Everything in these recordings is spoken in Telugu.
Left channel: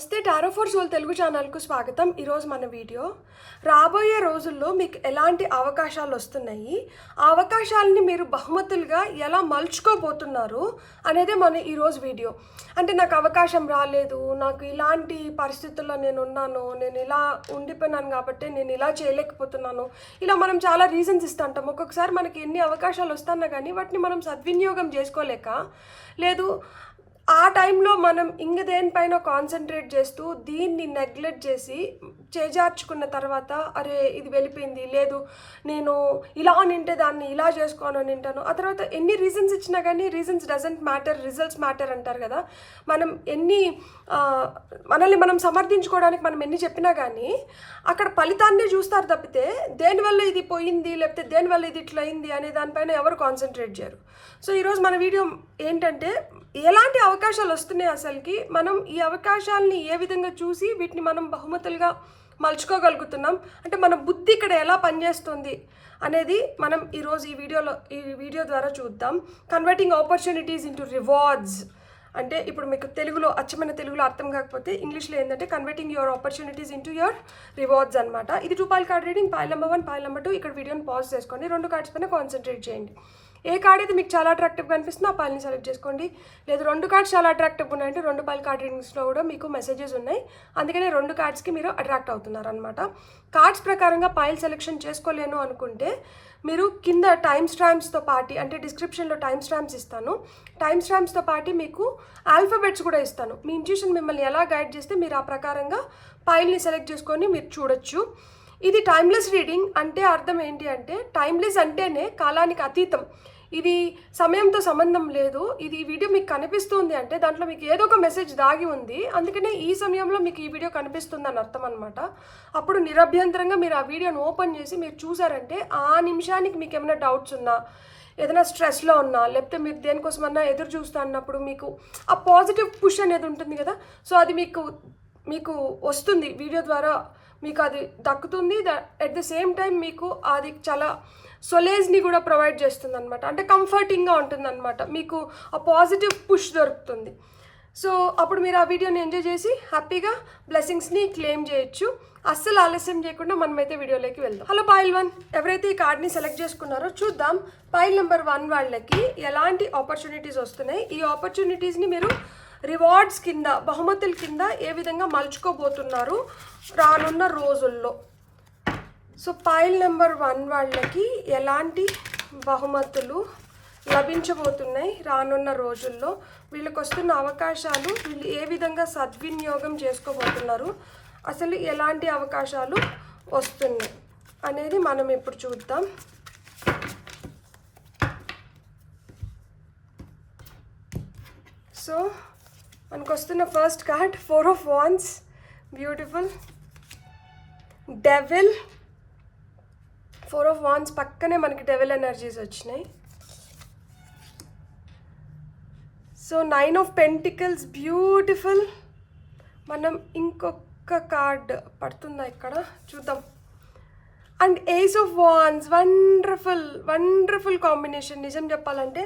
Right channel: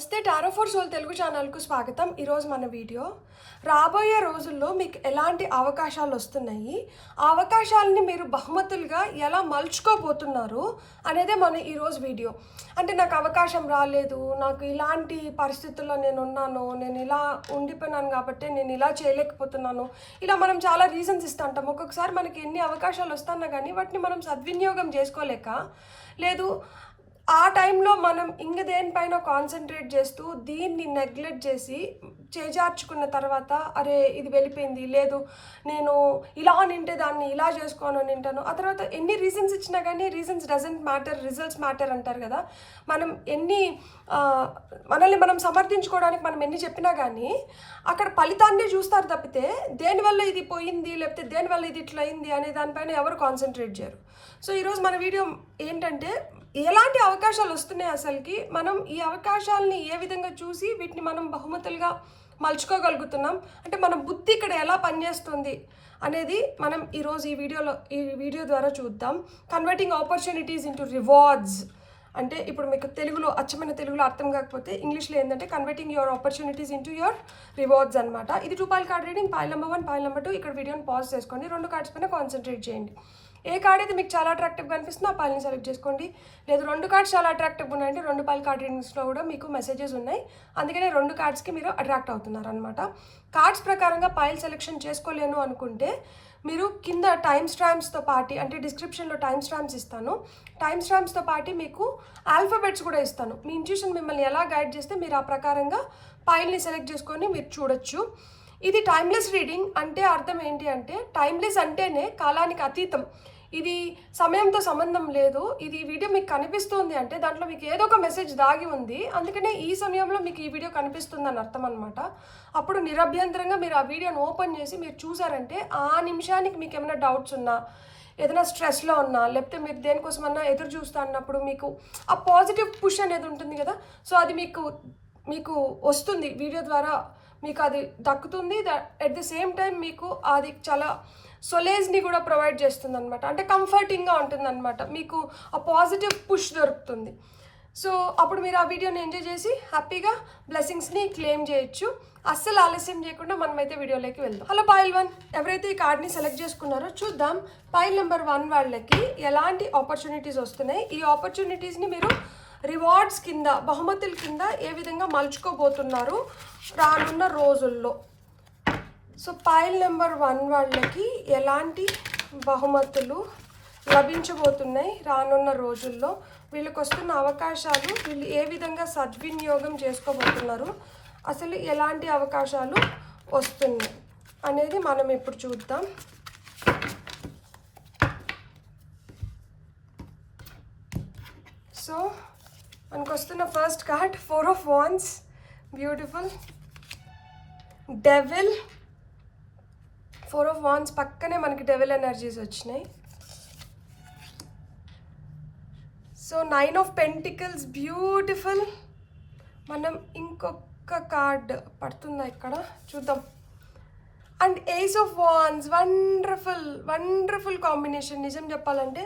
నమస్తే టారో ఫర్ సోల్ తెలుగు ఛానల్కు స్వాగతం. ఈరోజు మన వీడియో రాబోయే రోజుల్లో మీకు ఎలాంటి అవకాశాలు వస్తున్నాయి, ఆ అవకాశాలని మీరు బహుమతులుగా ఎలా మలుచుకోబోతున్నారు అనేదే మన ఈరోజు వీడియో. అంటే నాకు అవకాశం రాలేదు, నాకు ఇలాంటి పరిస్థితుల్లో నేను ఉన్నాను, నేను ఇలా ఉండిపోయినాను కాబట్టి నేను ఇలా చేయలేకపోతున్నాను, ఇలా మనం చాలా రీజన్స్ ఇస్తుంటాం. ఒక్కొక్కసారి మనకి ఎన్ని అవకాశాలు వస్తున్నా కానీ వాటిని మనం సద్వినియోగం చేసుకోలేక లేదు ఆ టైంలో మనం ఇంక దేనిపైన కాన్సన్ట్రేట్ చేస్తూ దీన్ని నెగ్లెక్ట్ చేసి చేజార్చుకున్న తర్వాత అరే ఇది వెళ్ళిపోయింది, లేదు నేను ఇలా నింటే దాన్ని ఇలా చేసుకోను నింటాను. ఆ తర్వాత ఎన్ని రీజన్స్ ఇచ్చినా కానీ reasons doesn't matter, results matter అంటారు కదా. మనం మనల్ని మనం సమర్థించుకోవడానికి మనం ఎన్ని చెప్పినా కానీ అక్కడ ఫలితాన్ని చూస్తారు తప్పితే దేనివల్ల ఇది పోయింది లేకపోతే దేనివల్ల ఇది ఇట్లా అయింది అనే దానిపైన ఎవరు కాన్సన్ట్రేట్ చేయరు. సో ఈరోజు మన వీడియో ఏంటంటే ఎలాంటి అవకాశాలు వస్తున్నాయి, అసలుకి మనం ఈ అవకాశాలని ఏ విధంగా చూసి వీటిని మనం బహుమతులుగా మలుచుకోగలుగుతున్నాం, అంటే మన బుద్ధి ఇక్కడ ఎలా పనిచేస్తుంది అనేది మనం ఈరోజు ఈ వీడియో ద్వారా చూద్దాం. కన్వర్టింగ్ ఆపర్చునిటీస్ ఇంటూ రివార్డ్స్ అంటే ఇప్పుడు మీకు తెలుగులో అచ్చమైన తెలుగులో అర్థం కాకపోతే ఇంగ్లీష్లో ఏంటంటే converting your opportunities into your rewards అనమాట. ఇది 2 foil card reading, foil number 1, foil number 2. ఇక్కడ వీడియోని పాజ్ చేసుకోండి, 2 కార్డ్స్ పైన కాన్సన్ట్రేట్ చేయండి. ఏ కార్డ్ అయితే మీకు చాలా అట్రాక్టివ్గా అనిపిస్తుందో ఆ పాయిల్ని సెలెక్ట్ చేసుకోండి. లేదు 2 కార్డ్స్ చాలా అట్రాక్టివ్గా ఉన్నాయంటే 2 పాయిల్ కార్డ్ రీడింగ్స్లో కూడా మీకు మెసేజెస్ ఉన్నాయి, అందుకనే 2 కార్డ్స్కి మీరు అట్రాక్ట్ అవుతున్నారు అనమాట. కార్డ్స్ ప్రకారంగా పాయిల్ సెలెక్షన్ చేసుకోలేను అనుకుంటే మీరు కింద టైమ్ స్టాంప్స్తో పాటు, అంటే డిస్క్రిప్షన్లో టైమ్ స్టాంప్స్ ఇస్తాను, టైమ్ స్టాంప్స్తో పాటు మీకు ఆల్ఫాబెట్స్ కూడా ఇస్తాను. మీ ఇంట్యూషన్ మిమ్మల్ని ఎలా గైడ్ చేస్తే మీరు ఆ ప్రకారంగా పాయిల్ని సెలెక్ట్ చేసుకొని మీరు చూడొచ్చు. ఇది టైమ్లెస్ రీడింగ్ అంటే అర్థం ఏంటి అంటే టైమ్లెస్ అంటేనే కాలానికి అతీతం, ఇది సమయంతో సంబంధం లేదు. ఇది వీడియో మీకు కనిపిస్తుంది అంటే దాంట్లో మీకు ఏదో ఒక మెసేజ్ దాగి ఉంది, అందుకనే ఈ సమయంలో మీకు ఈ వీడియో కనిపిస్తుంది అని అర్థం అనమాట. అప్పుడు నిరభ్యంతరంగా మీరు ఆ వీడియోని ఓపెన్ చేసి మీరు చూసారంటే ఆ నిమిషానికి మీకు ఏమైనా డౌట్స్ ఉన్నా, ఏదైనా స్ట్రెస్లో ఉన్నా, లేకపోతే మీరు దేనికోసమన్నా ఎదురు చూస్తా అన్నప్పుడు మీకు ఆ పాజిటివ్ పుష్ అనేది ఉంటుంది కదా, సో అది మీకు వస్తుంది వీడియో ద్వారా, మీకు అది దక్కుతుంది. అట్ ద సేమ్ టైం మీకు అది చాలా సొలేజ్ని కూడా ప్రొవైడ్ చేస్తుంది అనమాట, అంటే కంఫర్టింగ్గా ఉంటుంది అనమాట, మీకు ఆ పాజిటివ్ పుష్ దొరుకుతుంది. సో అప్పుడు మీరు ఆ వీడియోని ఎంజాయ్ చేసి హ్యాపీగా బ్లెస్సింగ్స్ని క్లెయిమ్ చేయొచ్చు. అస్సలు ఆలస్యం చేయకుండా మనమైతే వీడియోలోకి వెళ్దాం. హలో పాయిల్ 1, ఎవరైతే ఈ కార్డ్ని సెలెక్ట్ చేసుకున్నారో చూద్దాం. పాయిల్ నెంబర్ 1 వాళ్ళకి ఎలాంటి ఆపర్చునిటీస్ వస్తున్నాయి, ఈ ఆపర్చునిటీస్ని మీరు రివార్డ్స్ కింద, బహుమతుల కింద ఏ విధంగా మలుచుకోబోతున్నారు రానున్న రోజుల్లో. సో పాయిల్ నెంబర్ 1 వాళ్ళకి ఎలాంటి బహుమతులు లభించబోతున్నాయి రానున్న రోజుల్లో, వీళ్ళకి వస్తున్న అవకాశాలు వీళ్ళు ఏ విధంగా సద్వినియోగం చేసుకోబోతున్నారు, అసలు ఎలాంటి అవకాశాలు వస్తున్నాయి అనేది మనం ఇప్పుడు చూద్దాం. సో మనకు వస్తున్న first card 4 of wands, beautiful. Devil, 4 of wands పక్కనే మనకి డెవిల్ ఎనర్జీస్ వచ్చినాయి. So 9 of pentacles, beautiful. మనం ఇంకొక కార్డ్ పడుతుందా ఇక్కడ చూద్దాం. And ace of wands, wonderful combination. నిజం చెప్పాలంటే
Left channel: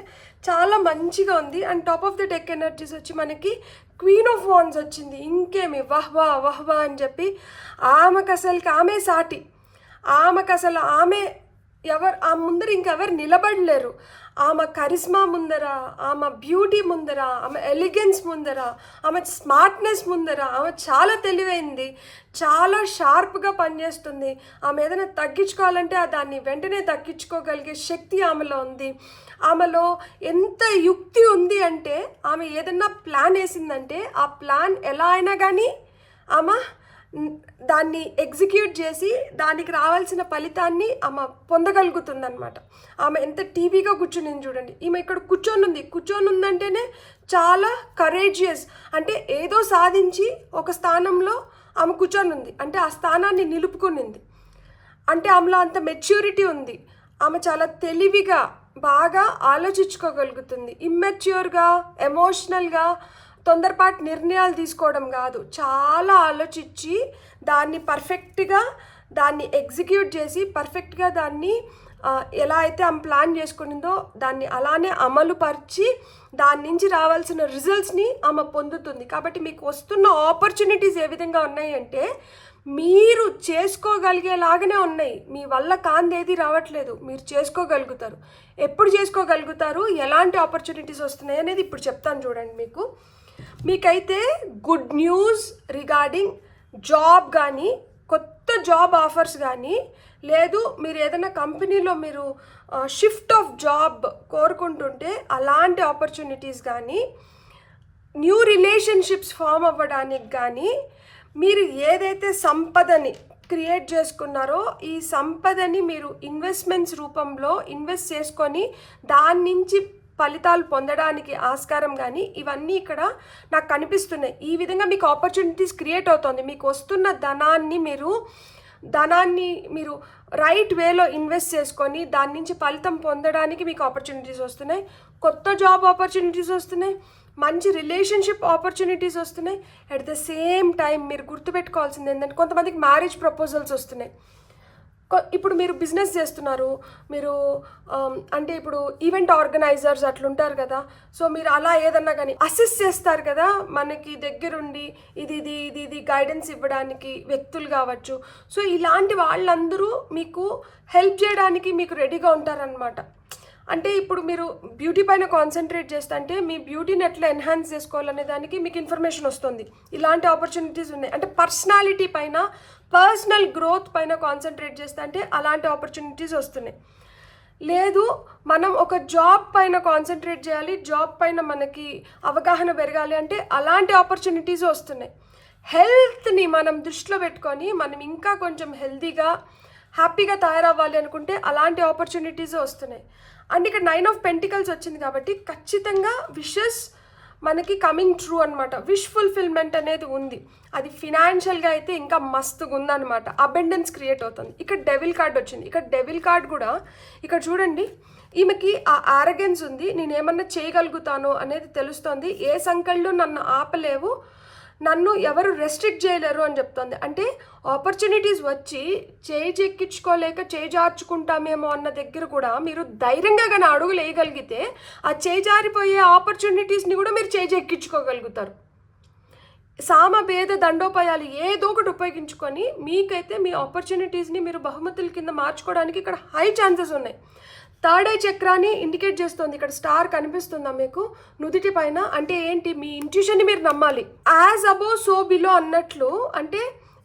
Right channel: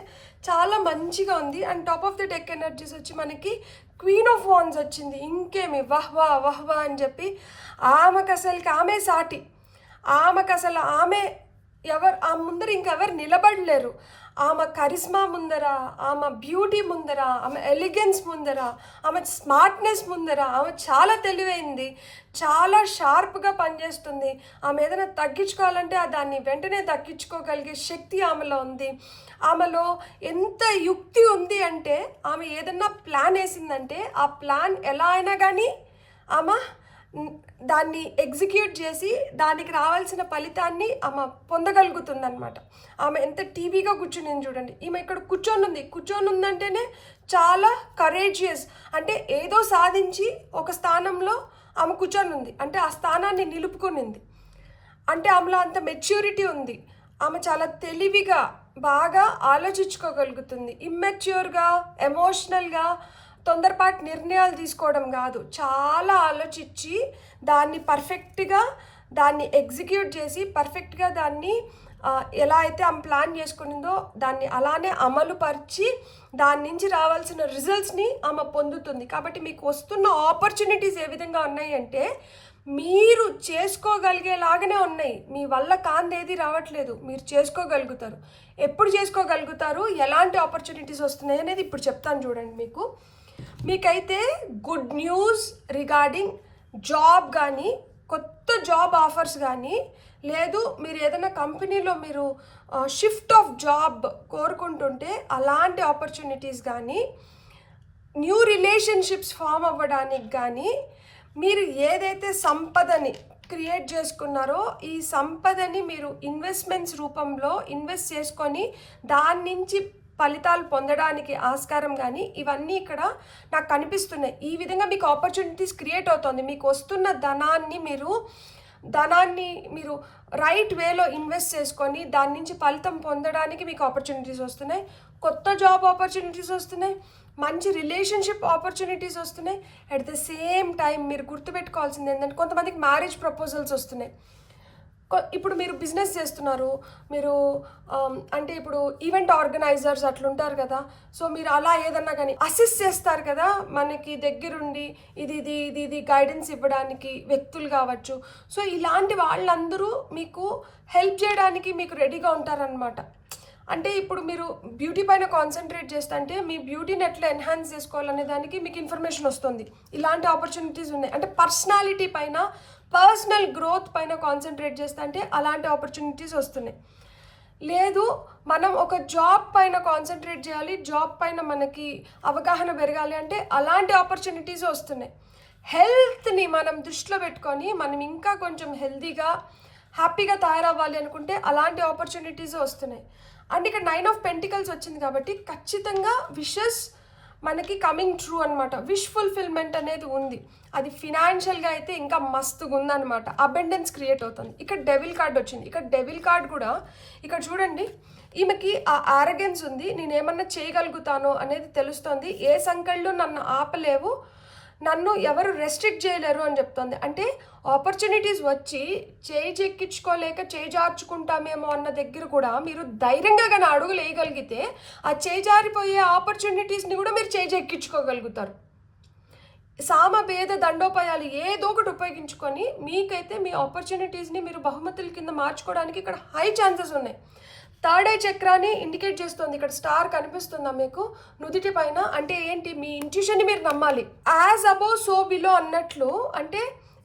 చాలా మంచిగా ఉంది. And top of the deck energies వచ్చి మనకి క్వీన్ ఆఫ్ వాండ్స్ వచ్చింది. ఇంకేమి వహ్వా అని చెప్పి ఆమెకు అసలుకి ఆమె సాటి, ఆమె ఆ ముందర ఇంకెవరు నిలబడలేరు. ఆమె కరిస్మా ముందర, ఆమె బ్యూటీ ముందర, ఆమె ఎలిగెన్స్ ముందర, ఆమె స్మార్ట్నెస్ ముందర, ఆమె చాలా తెలివైంది, చాలా షార్ప్గా పనిచేస్తుంది. ఆమె ఏదైనా తగ్గించుకోవాలంటే దాన్ని వెంటనే తగ్గించుకోగలిగే శక్తి ఆమెలో ఉంది. ఆమెలో ఎంత యుక్తి ఉంది అంటే ఆమె ఏదైనా ప్లాన్ వేసిందంటే ఆ ప్లాన్ ఎలా అయినా కానీ ఆమె దాన్ని ఎగ్జిక్యూట్ చేసి దానికి రావాల్సిన ఫలితాన్ని ఆమె పొందగలుగుతుందన్నమాట. ఆమె ఎంత టీవీగా కూర్చుని చూడండి, ఈమె ఇక్కడ కూర్చొని ఉందంటేనే చాలా కరేజియస్, అంటే ఏదో సాధించి ఒక స్థానంలో ఆమె కూర్చొని ఉంది అంటే ఆ స్థానాన్ని నిలుపుకునింది, అంటే ఆమెలో అంత మెచ్యూరిటీ ఉంది. ఆమె చాలా తెలివిగా బాగా ఆలోచించుకోగలుగుతుంది. ఇమ్మెచ్యూర్గా, ఎమోషనల్గా తొందరపాటు నిర్ణయాలు తీసుకోవడం కాదు, చాలా ఆలోచించి దాన్ని పర్ఫెక్ట్గా దాన్ని ఎగ్జిక్యూట్ చేసి పర్ఫెక్ట్గా దాన్ని ఎలా అయితే ఆమె ప్లాన్ చేసుకునిందో దాన్ని అలానే అమలు పరిచి దాని నుంచి రావాల్సిన రిజల్ట్స్ని ఆమె పొందుతుంది. కాబట్టి మీకు వస్తున్న ఆపర్చునిటీస్ ఏ విధంగా ఉన్నాయి అంటే మీరు చేసుకోగలిగేలాగానే ఉన్నాయి. మీ వల్ల కాందేది రావట్లేదు, మీరు చేసుకోగలుగుతారు. ఎప్పుడు చేసుకోగలుగుతారు, ఎలాంటి ఆపర్చునిటీస్ వస్తున్నాయి అనేది ఇప్పుడు చెప్తాను చూడండి. మీకైతే గుడ్ న్యూస్ రిగార్డింగ్ జాబ్ కానీ, కొత్త జాబ్ ఆఫర్స్ కానీ, లేదు మీరు ఏదైనా కంపెనీలో మీరు షిఫ్ట్ ఆఫ్ జాబ్ కోరుకుంటుంటే అలాంటి ఆపర్చునిటీస్ కానీ, న్యూ రిలేషన్షిప్స్ ఫామ్ అవ్వడానికి కానీ, మీరు ఏదైతే సంపదని క్రియేట్ చేసుకున్నారో ఈ సంపదని మీరు ఇన్వెస్ట్మెంట్స్ రూపంలో ఇన్వెస్ట్ చేసుకొని దాని నుంచి ఫలితాలు పొందడానికి ఆస్కారం కానీ ఇవన్నీ ఇక్కడ నాకు కనిపిస్తున్నాయి. ఈ విధంగా మీకు ఆపర్చునిటీస్ క్రియేట్ అవుతుంది. మీకు వస్తున్న ధనాన్ని మీరు రైట్ వేలో ఇన్వెస్ట్ చేసుకొని దాని నుంచి ఫలితం పొందడానికి మీకు ఆపర్చునిటీస్ వస్తున్నాయి. కొత్త జాబ్ ఆపర్చునిటీస్ వస్తున్నాయి, మంచి రిలేషన్షిప్ ఆపర్చునిటీస్ వస్తున్నాయి. అట్ ద సేమ్ టైం మీరు గుర్తుపెట్టుకోవాల్సింది ఏంటంటే కొంతమందికి మ్యారేజ్ ప్రపోజల్స్ వస్తున్నాయి. ఇప్పుడు మీరు బిజినెస్ చేస్తున్నారు, మీరు అంటే ఇప్పుడు ఈవెంట్ ఆర్గనైజర్స్ అట్లుంటారు కదా, సో మీరు అలా ఏదన్నా కానీ అసిస్ట్ చేస్తారు కదా మనకి దగ్గరుండి ఇది గైడెన్స్ ఇవ్వడానికి వ్యక్తులు కావచ్చు. సో ఇలాంటి వాళ్ళందరూ మీకు హెల్ప్ చేయడానికి మీకు రెడీగా ఉంటారనమాట. అంటే ఇప్పుడు మీరు బ్యూటీ పైన కాన్సన్ట్రేట్ చేస్తుంటే మీ బ్యూటీని ఎట్లా ఎన్హాన్స్ చేసుకోవాలనే దానికి మీకు ఇన్ఫర్మేషన్ వస్తుంది. ఇలాంటి ఆపర్చునిటీస్ ఉన్నాయి. అంటే పర్సనాలిటీ పైన, పర్సనల్ గ్రోత్ పైన కాన్సన్ట్రేట్ చేస్తుంటే అలాంటి ఆపర్చునిటీస్ వస్తున్నాయి. లేదు మనం ఒక జాబ్ పైన కాన్సన్ట్రేట్ చేయాలి, జాబ్ పైన మనకి అవగాహన పెరగాలి అంటే అలాంటి ఆపర్చునిటీస్ వస్తున్నాయి. హెల్త్ని మనం దృష్టిలో పెట్టుకొని మనం ఇంకా కొంచెం హెల్తీగా హ్యాపీగా తయారవ్వాలి అనుకుంటే అలాంటి ఆపర్చునిటీస్ వస్తున్నాయి. అండ్ ఇక్కడ 9 ఆఫ్ పెంటికల్స్ వచ్చింది కాబట్టి ఖచ్చితంగా విషెస్ మనకి కమింగ్ ట్రూ అనమాట. విష్ ఫుల్ఫిల్మెంట్ అనేది ఉంది. అది ఫినాన్షియల్గా అయితే ఇంకా మస్తుగా ఉందన్నమాట. అబెండెన్స్ క్రియేట్ అవుతుంది. ఇక్కడ డెవిల్ కార్డ్ వచ్చింది. ఇక్కడ డెవిల్ కార్డ్ కూడా ఇక్కడ చూడండి, ఈమెకి ఆ ఆరగెన్స్ ఉంది. నేను ఏమన్నా చేయగలుగుతాను అనేది తెలుస్తుంది. ఏ సంకళ్ళు నన్ను ఆపలేవు, నన్ను ఎవరు రెస్ట్రిక్ట్ చేయలేరు అని చెప్తుంది. అంటే ఆపర్చునిటీస్ వచ్చి చెక్కించుకోలేక జార్చుకుంటామేమో అన్న దగ్గర కూడా మీరు ధైర్యంగా కానీ అడుగులు వేయగలిగితే ఆ జారిపోయే ఆపర్చునిటీస్ని కూడా మీరు చెక్కించుకోగలుగుతారు. సామభేద దండోపాయాలు ఏదో ఒకటి ఉపయోగించుకొని మీకైతే మీ ఆపర్చునిటీస్ని మీరు బహుమతుల కింద మార్చుకోవడానికి ఇక్కడ హై ఛాన్సెస్ ఉన్నాయి. థర్డ్ ఐ చక్రాన్ని ఇండికేట్ చేస్తుంది. ఇక్కడ స్టార్ కనిపిస్తుందా మీకు నుదిటి పైన? అంటే ఏంటి, మీ ఇంట్యూషన్ని మీరు నమ్మాలి. యాజ్ అబోవ్ సో బిలో అన్నట్లు, అంటే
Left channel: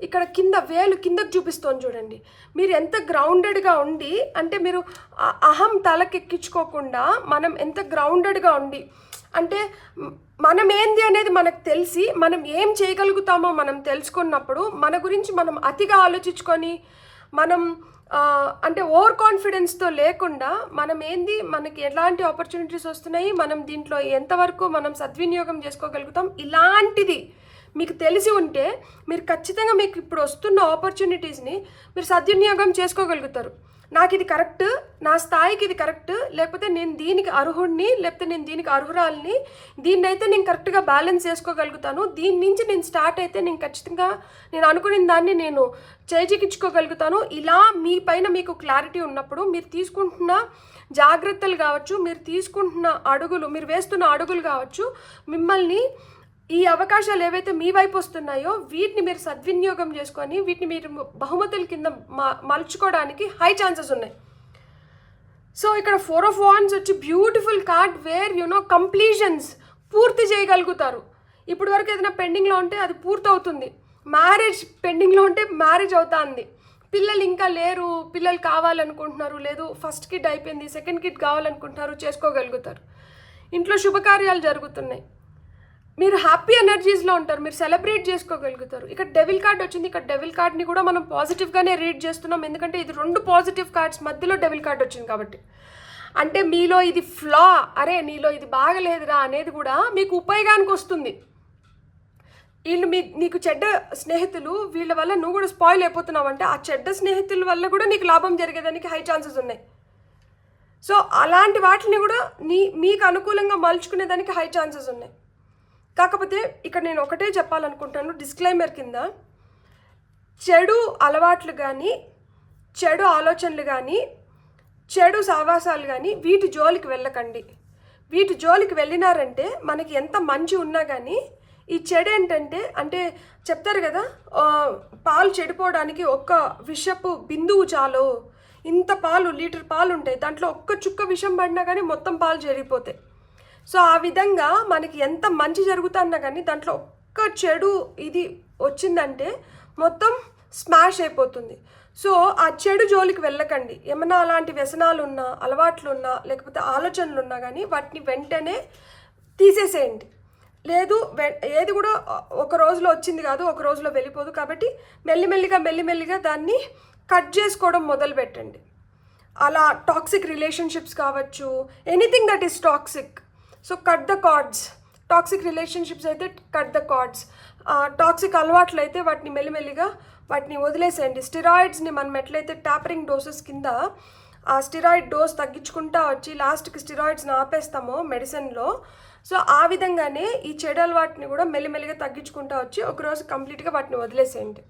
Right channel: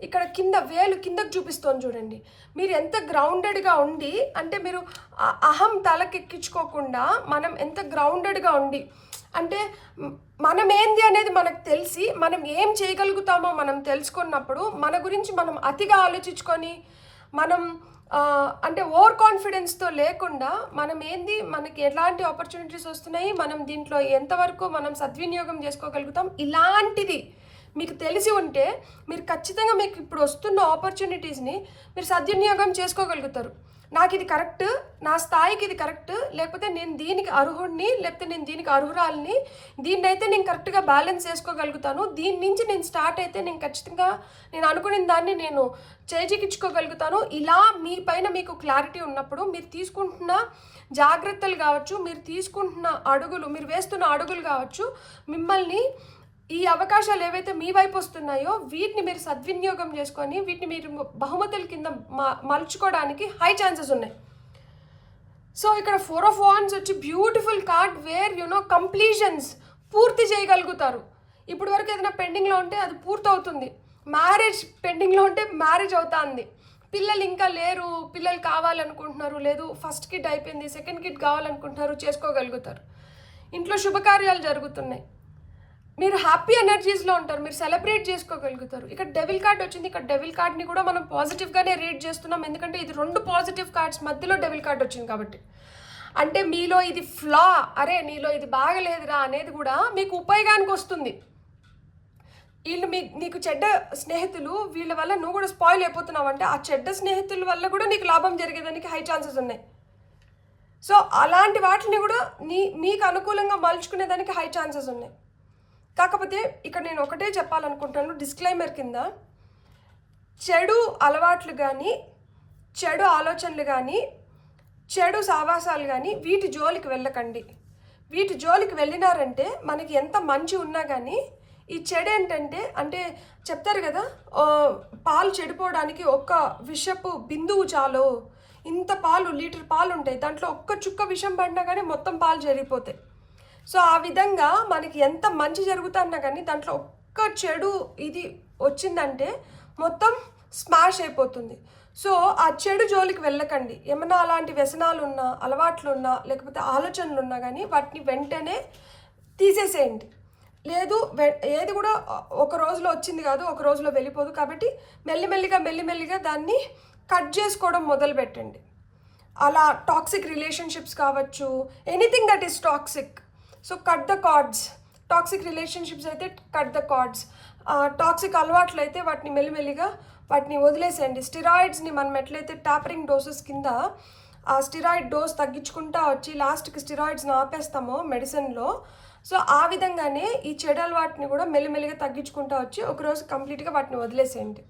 ఇక్కడ కింద వేలు కిందకు చూపిస్తోంది చూడండి. మీరు ఎంత గ్రౌండెడ్గా ఉండి, అంటే మీరు అహం తలకెక్కించుకోకుండా మనం ఎంత గ్రౌండెడ్గా ఉండి, అంటే మనం ఏంది అనేది మనకు తెలిసి మనం ఏం చేయగలుగుతామో మనం తెలుసుకున్నప్పుడు మన గురించి మనం అతిగా ఆలోచించుకొని మనం అంటే ఓవర్ కాన్ఫిడెన్స్తో లేకుండా మనం ఏంది, మనకి ఎలాంటి ఆపర్చునిటీస్ వస్తున్నాయి, మనం దీంట్లో ఎంతవరకు మనం సద్వినియోగం చేసుకోగలుగుతాం, ఇలాంటిది మీకు తెలిసి ఉంటే మీరు ఖచ్చితంగా మీకు ఇప్పుడు వస్తున్న ఆపర్చునిటీస్ని మీరు సద్వినియోగం చేసుకోగలుగుతారు. నాకు ఇది కరెక్ట్, నా స్థాయికి ఇది కరెక్ట్, లేకపోతే నేను దీనికి అర్హుడిని, లేకపోతే నేను దీనికి అర్హురాలని, దీన్ని అయితే నేను కరెక్ట్గా బ్యాలెన్స్ చేసుకోగలుగుతాను, దీని నుంచి నేను స్టార్ట్ అయితే నేను ఖచ్చితంగా నేను అనుకున్న దాన్ని నేను చేజిక్కించుకోగలుగుతాను. ఇలా మీ పైన మీకు క్లారిటీ ఉన్నప్పుడు మీరు తీసుకుంటున్న జాగ్రత్తలు కావచ్చు, మీరు తీసుకుంటున్న అడుగులు, మీరు వేస్తున్న అడుగులు కావచ్చు, మిమ్మల్ని ఈ అవకాశాలు ఏవైతే మీ వైపు వస్తున్నాయో వీటిని మీరు సద్వినియోగం చేసుకొని వీటిని మీరు బహుమతుల కింద మలుచుకోవడానికి హై ఛాన్సెస్ ఉన్నాయి. సో ఇక్కడ 4 ఆఫ్ వాండ్స్ వచ్చి బ్యూటిఫుల్ కార్డ్ వేర్ కంప్లీషన్స్, పూర్తి చేయగలుగుతారు. ఇప్పటి వరకు ఏదైనా పెండింగ్లో ఉంటే అది పూర్తవుతుంది. మ్యారేజ్ పెండింగ్లో ఉంటే మ్యారేజ్ అవుతుంది. పిల్లలు ఇంకా లేరు, పిల్లలు కావాలనుకుంటున్నారు, లేదు ఫస్ట్ కిడ్ అయిపోయింది, సెకండ్ కిడ్ కావాలనుకుంటున్నారు, చేసుకోగలుగుతారు. ఇంట్లో శుభకార్యాలు జరుగుతున్నాయి, మీరు హ్యాపీ ఎనర్జీస్లో ఉంటారు, మీరు సెలబ్రేట్ చేసుకోగలుగుతారు. ఇక్కడ డెవిల్ కార్డ్ వచ్చింది. ఇక్కడ డెవిల్ కార్డ్ని కూడా మనం పాజిటివ్గానే రీడ్ చేస్తున్నాం, ఎందుకంటే ఇది 2 పాజిటివ్ కార్డ్స్ మధ్యలో డెవిల్ కార్డ్ వచ్చింది కాబట్టి. అంటే మీలో ఇది ఫ్లా, అరే నీలో ఇది బాగలేదురా అనేది కూడా మీకు ఉపయోగానికి వస్తుంది. వీళ్ళు నీకు చెడ్డ స్నేహితులు, వీళ్ళ వల్ల నువ్వు కూడా స్పాయిల్ అయిపోతున్నావు అంటే ఆ చెడ్డ స్నేహితుల వల్ల కూడా నీకు లాభం జరిగేదానికి హై ఛాన్సెస్ ఉన్నాయి. సో అలాంటి వాటిని కూడా మీకు అనుకూలంగా మలుచుకునేదానికి హై ఛాన్సెస్ ఉన్నాయి. కాకపోతే ఇక్కడ నేను ఒకటే చెప్పాలనుకుంటాను డిస్క్లైమర్ కింద, చెడు అలవాట్లు కానీ, చెడు ఆలోచనలు కానీ, చెడు సావాసాలు కానీ వీటి జోలికి వెళ్ళకండి. వీటి జోలికి వెళ్ళినారంటే మనకి ఎంత మంచి ఉన్నా కానీ ఈ చెడు ఏంటంటే అంటే చెప్తారు కదా, పాలు చెడిపోవడానికి ఒక్క విషపు బిందువు చాలు. ఇంత పాలు, లీటర్ పాలు ఉంటాయి, దాంట్లో ఒక్క చుక్క విషం పడినా కానీ మొత్తం పాలు చెడిపోతాయి. సో ఆ విధంగా మనకి ఎంత మంచి జరుగుతున్నా కానీ దాంట్లో ఒక్క చెడు ఇది వచ్చిందంటే మొత్తం స్మాష్ అయిపోతుంది. సో ఆ చెడు జోలికి వెళ్ళకండి. ఏమన్నా అలాంటి వ్యసనాలు ఉన్నా, అలవాట్లు ఉన్నా, లేకపోతే ఆలోచనలు ఉన్నా కానీ వాటిని వెంటనే తీసేసేయండి. లేదు, ఏది కూడా ఒక రోజులో వచ్చింది కాదు, ఒక రోజులో వెళ్ళిపోదు. కాబట్టి మెల్లిమెల్లిగా దాన్ని కట్ చేసుకోవడం మొదలు పెట్టండి. అలా టాక్సిక్ రిలేషన్షిప్స్ కావచ్చు, anything that is toxic. So cut the cards. Toxic relationships అయితే కట్ ద కార్డ్స్. టాక్సిక్ అలవాట్లు అయితే వాటిని మెల్లిమెల్లిగా వాటిని వదిలేసేయండి. స్టిరాయిడ్స్ని మనం ఎట్లయితే టాపరింగ్ డోసెస్ కింద ఆ స్టిరాయిడ్ డోస్ తగ్గించుకుంటా వచ్చి లాస్ట్కి స్టిరాయిడ్స్ని ఆపేస్తామో మెడిసిన్లో, సో ఆ విధంగానే ఈ చెడు అలవాటిని కూడా మెల్లిమెల్లిగా తగ్గించుకుంటా వచ్చి ఒకరోజు కంప్లీట్గా వాటిని వదిలేసేయండి.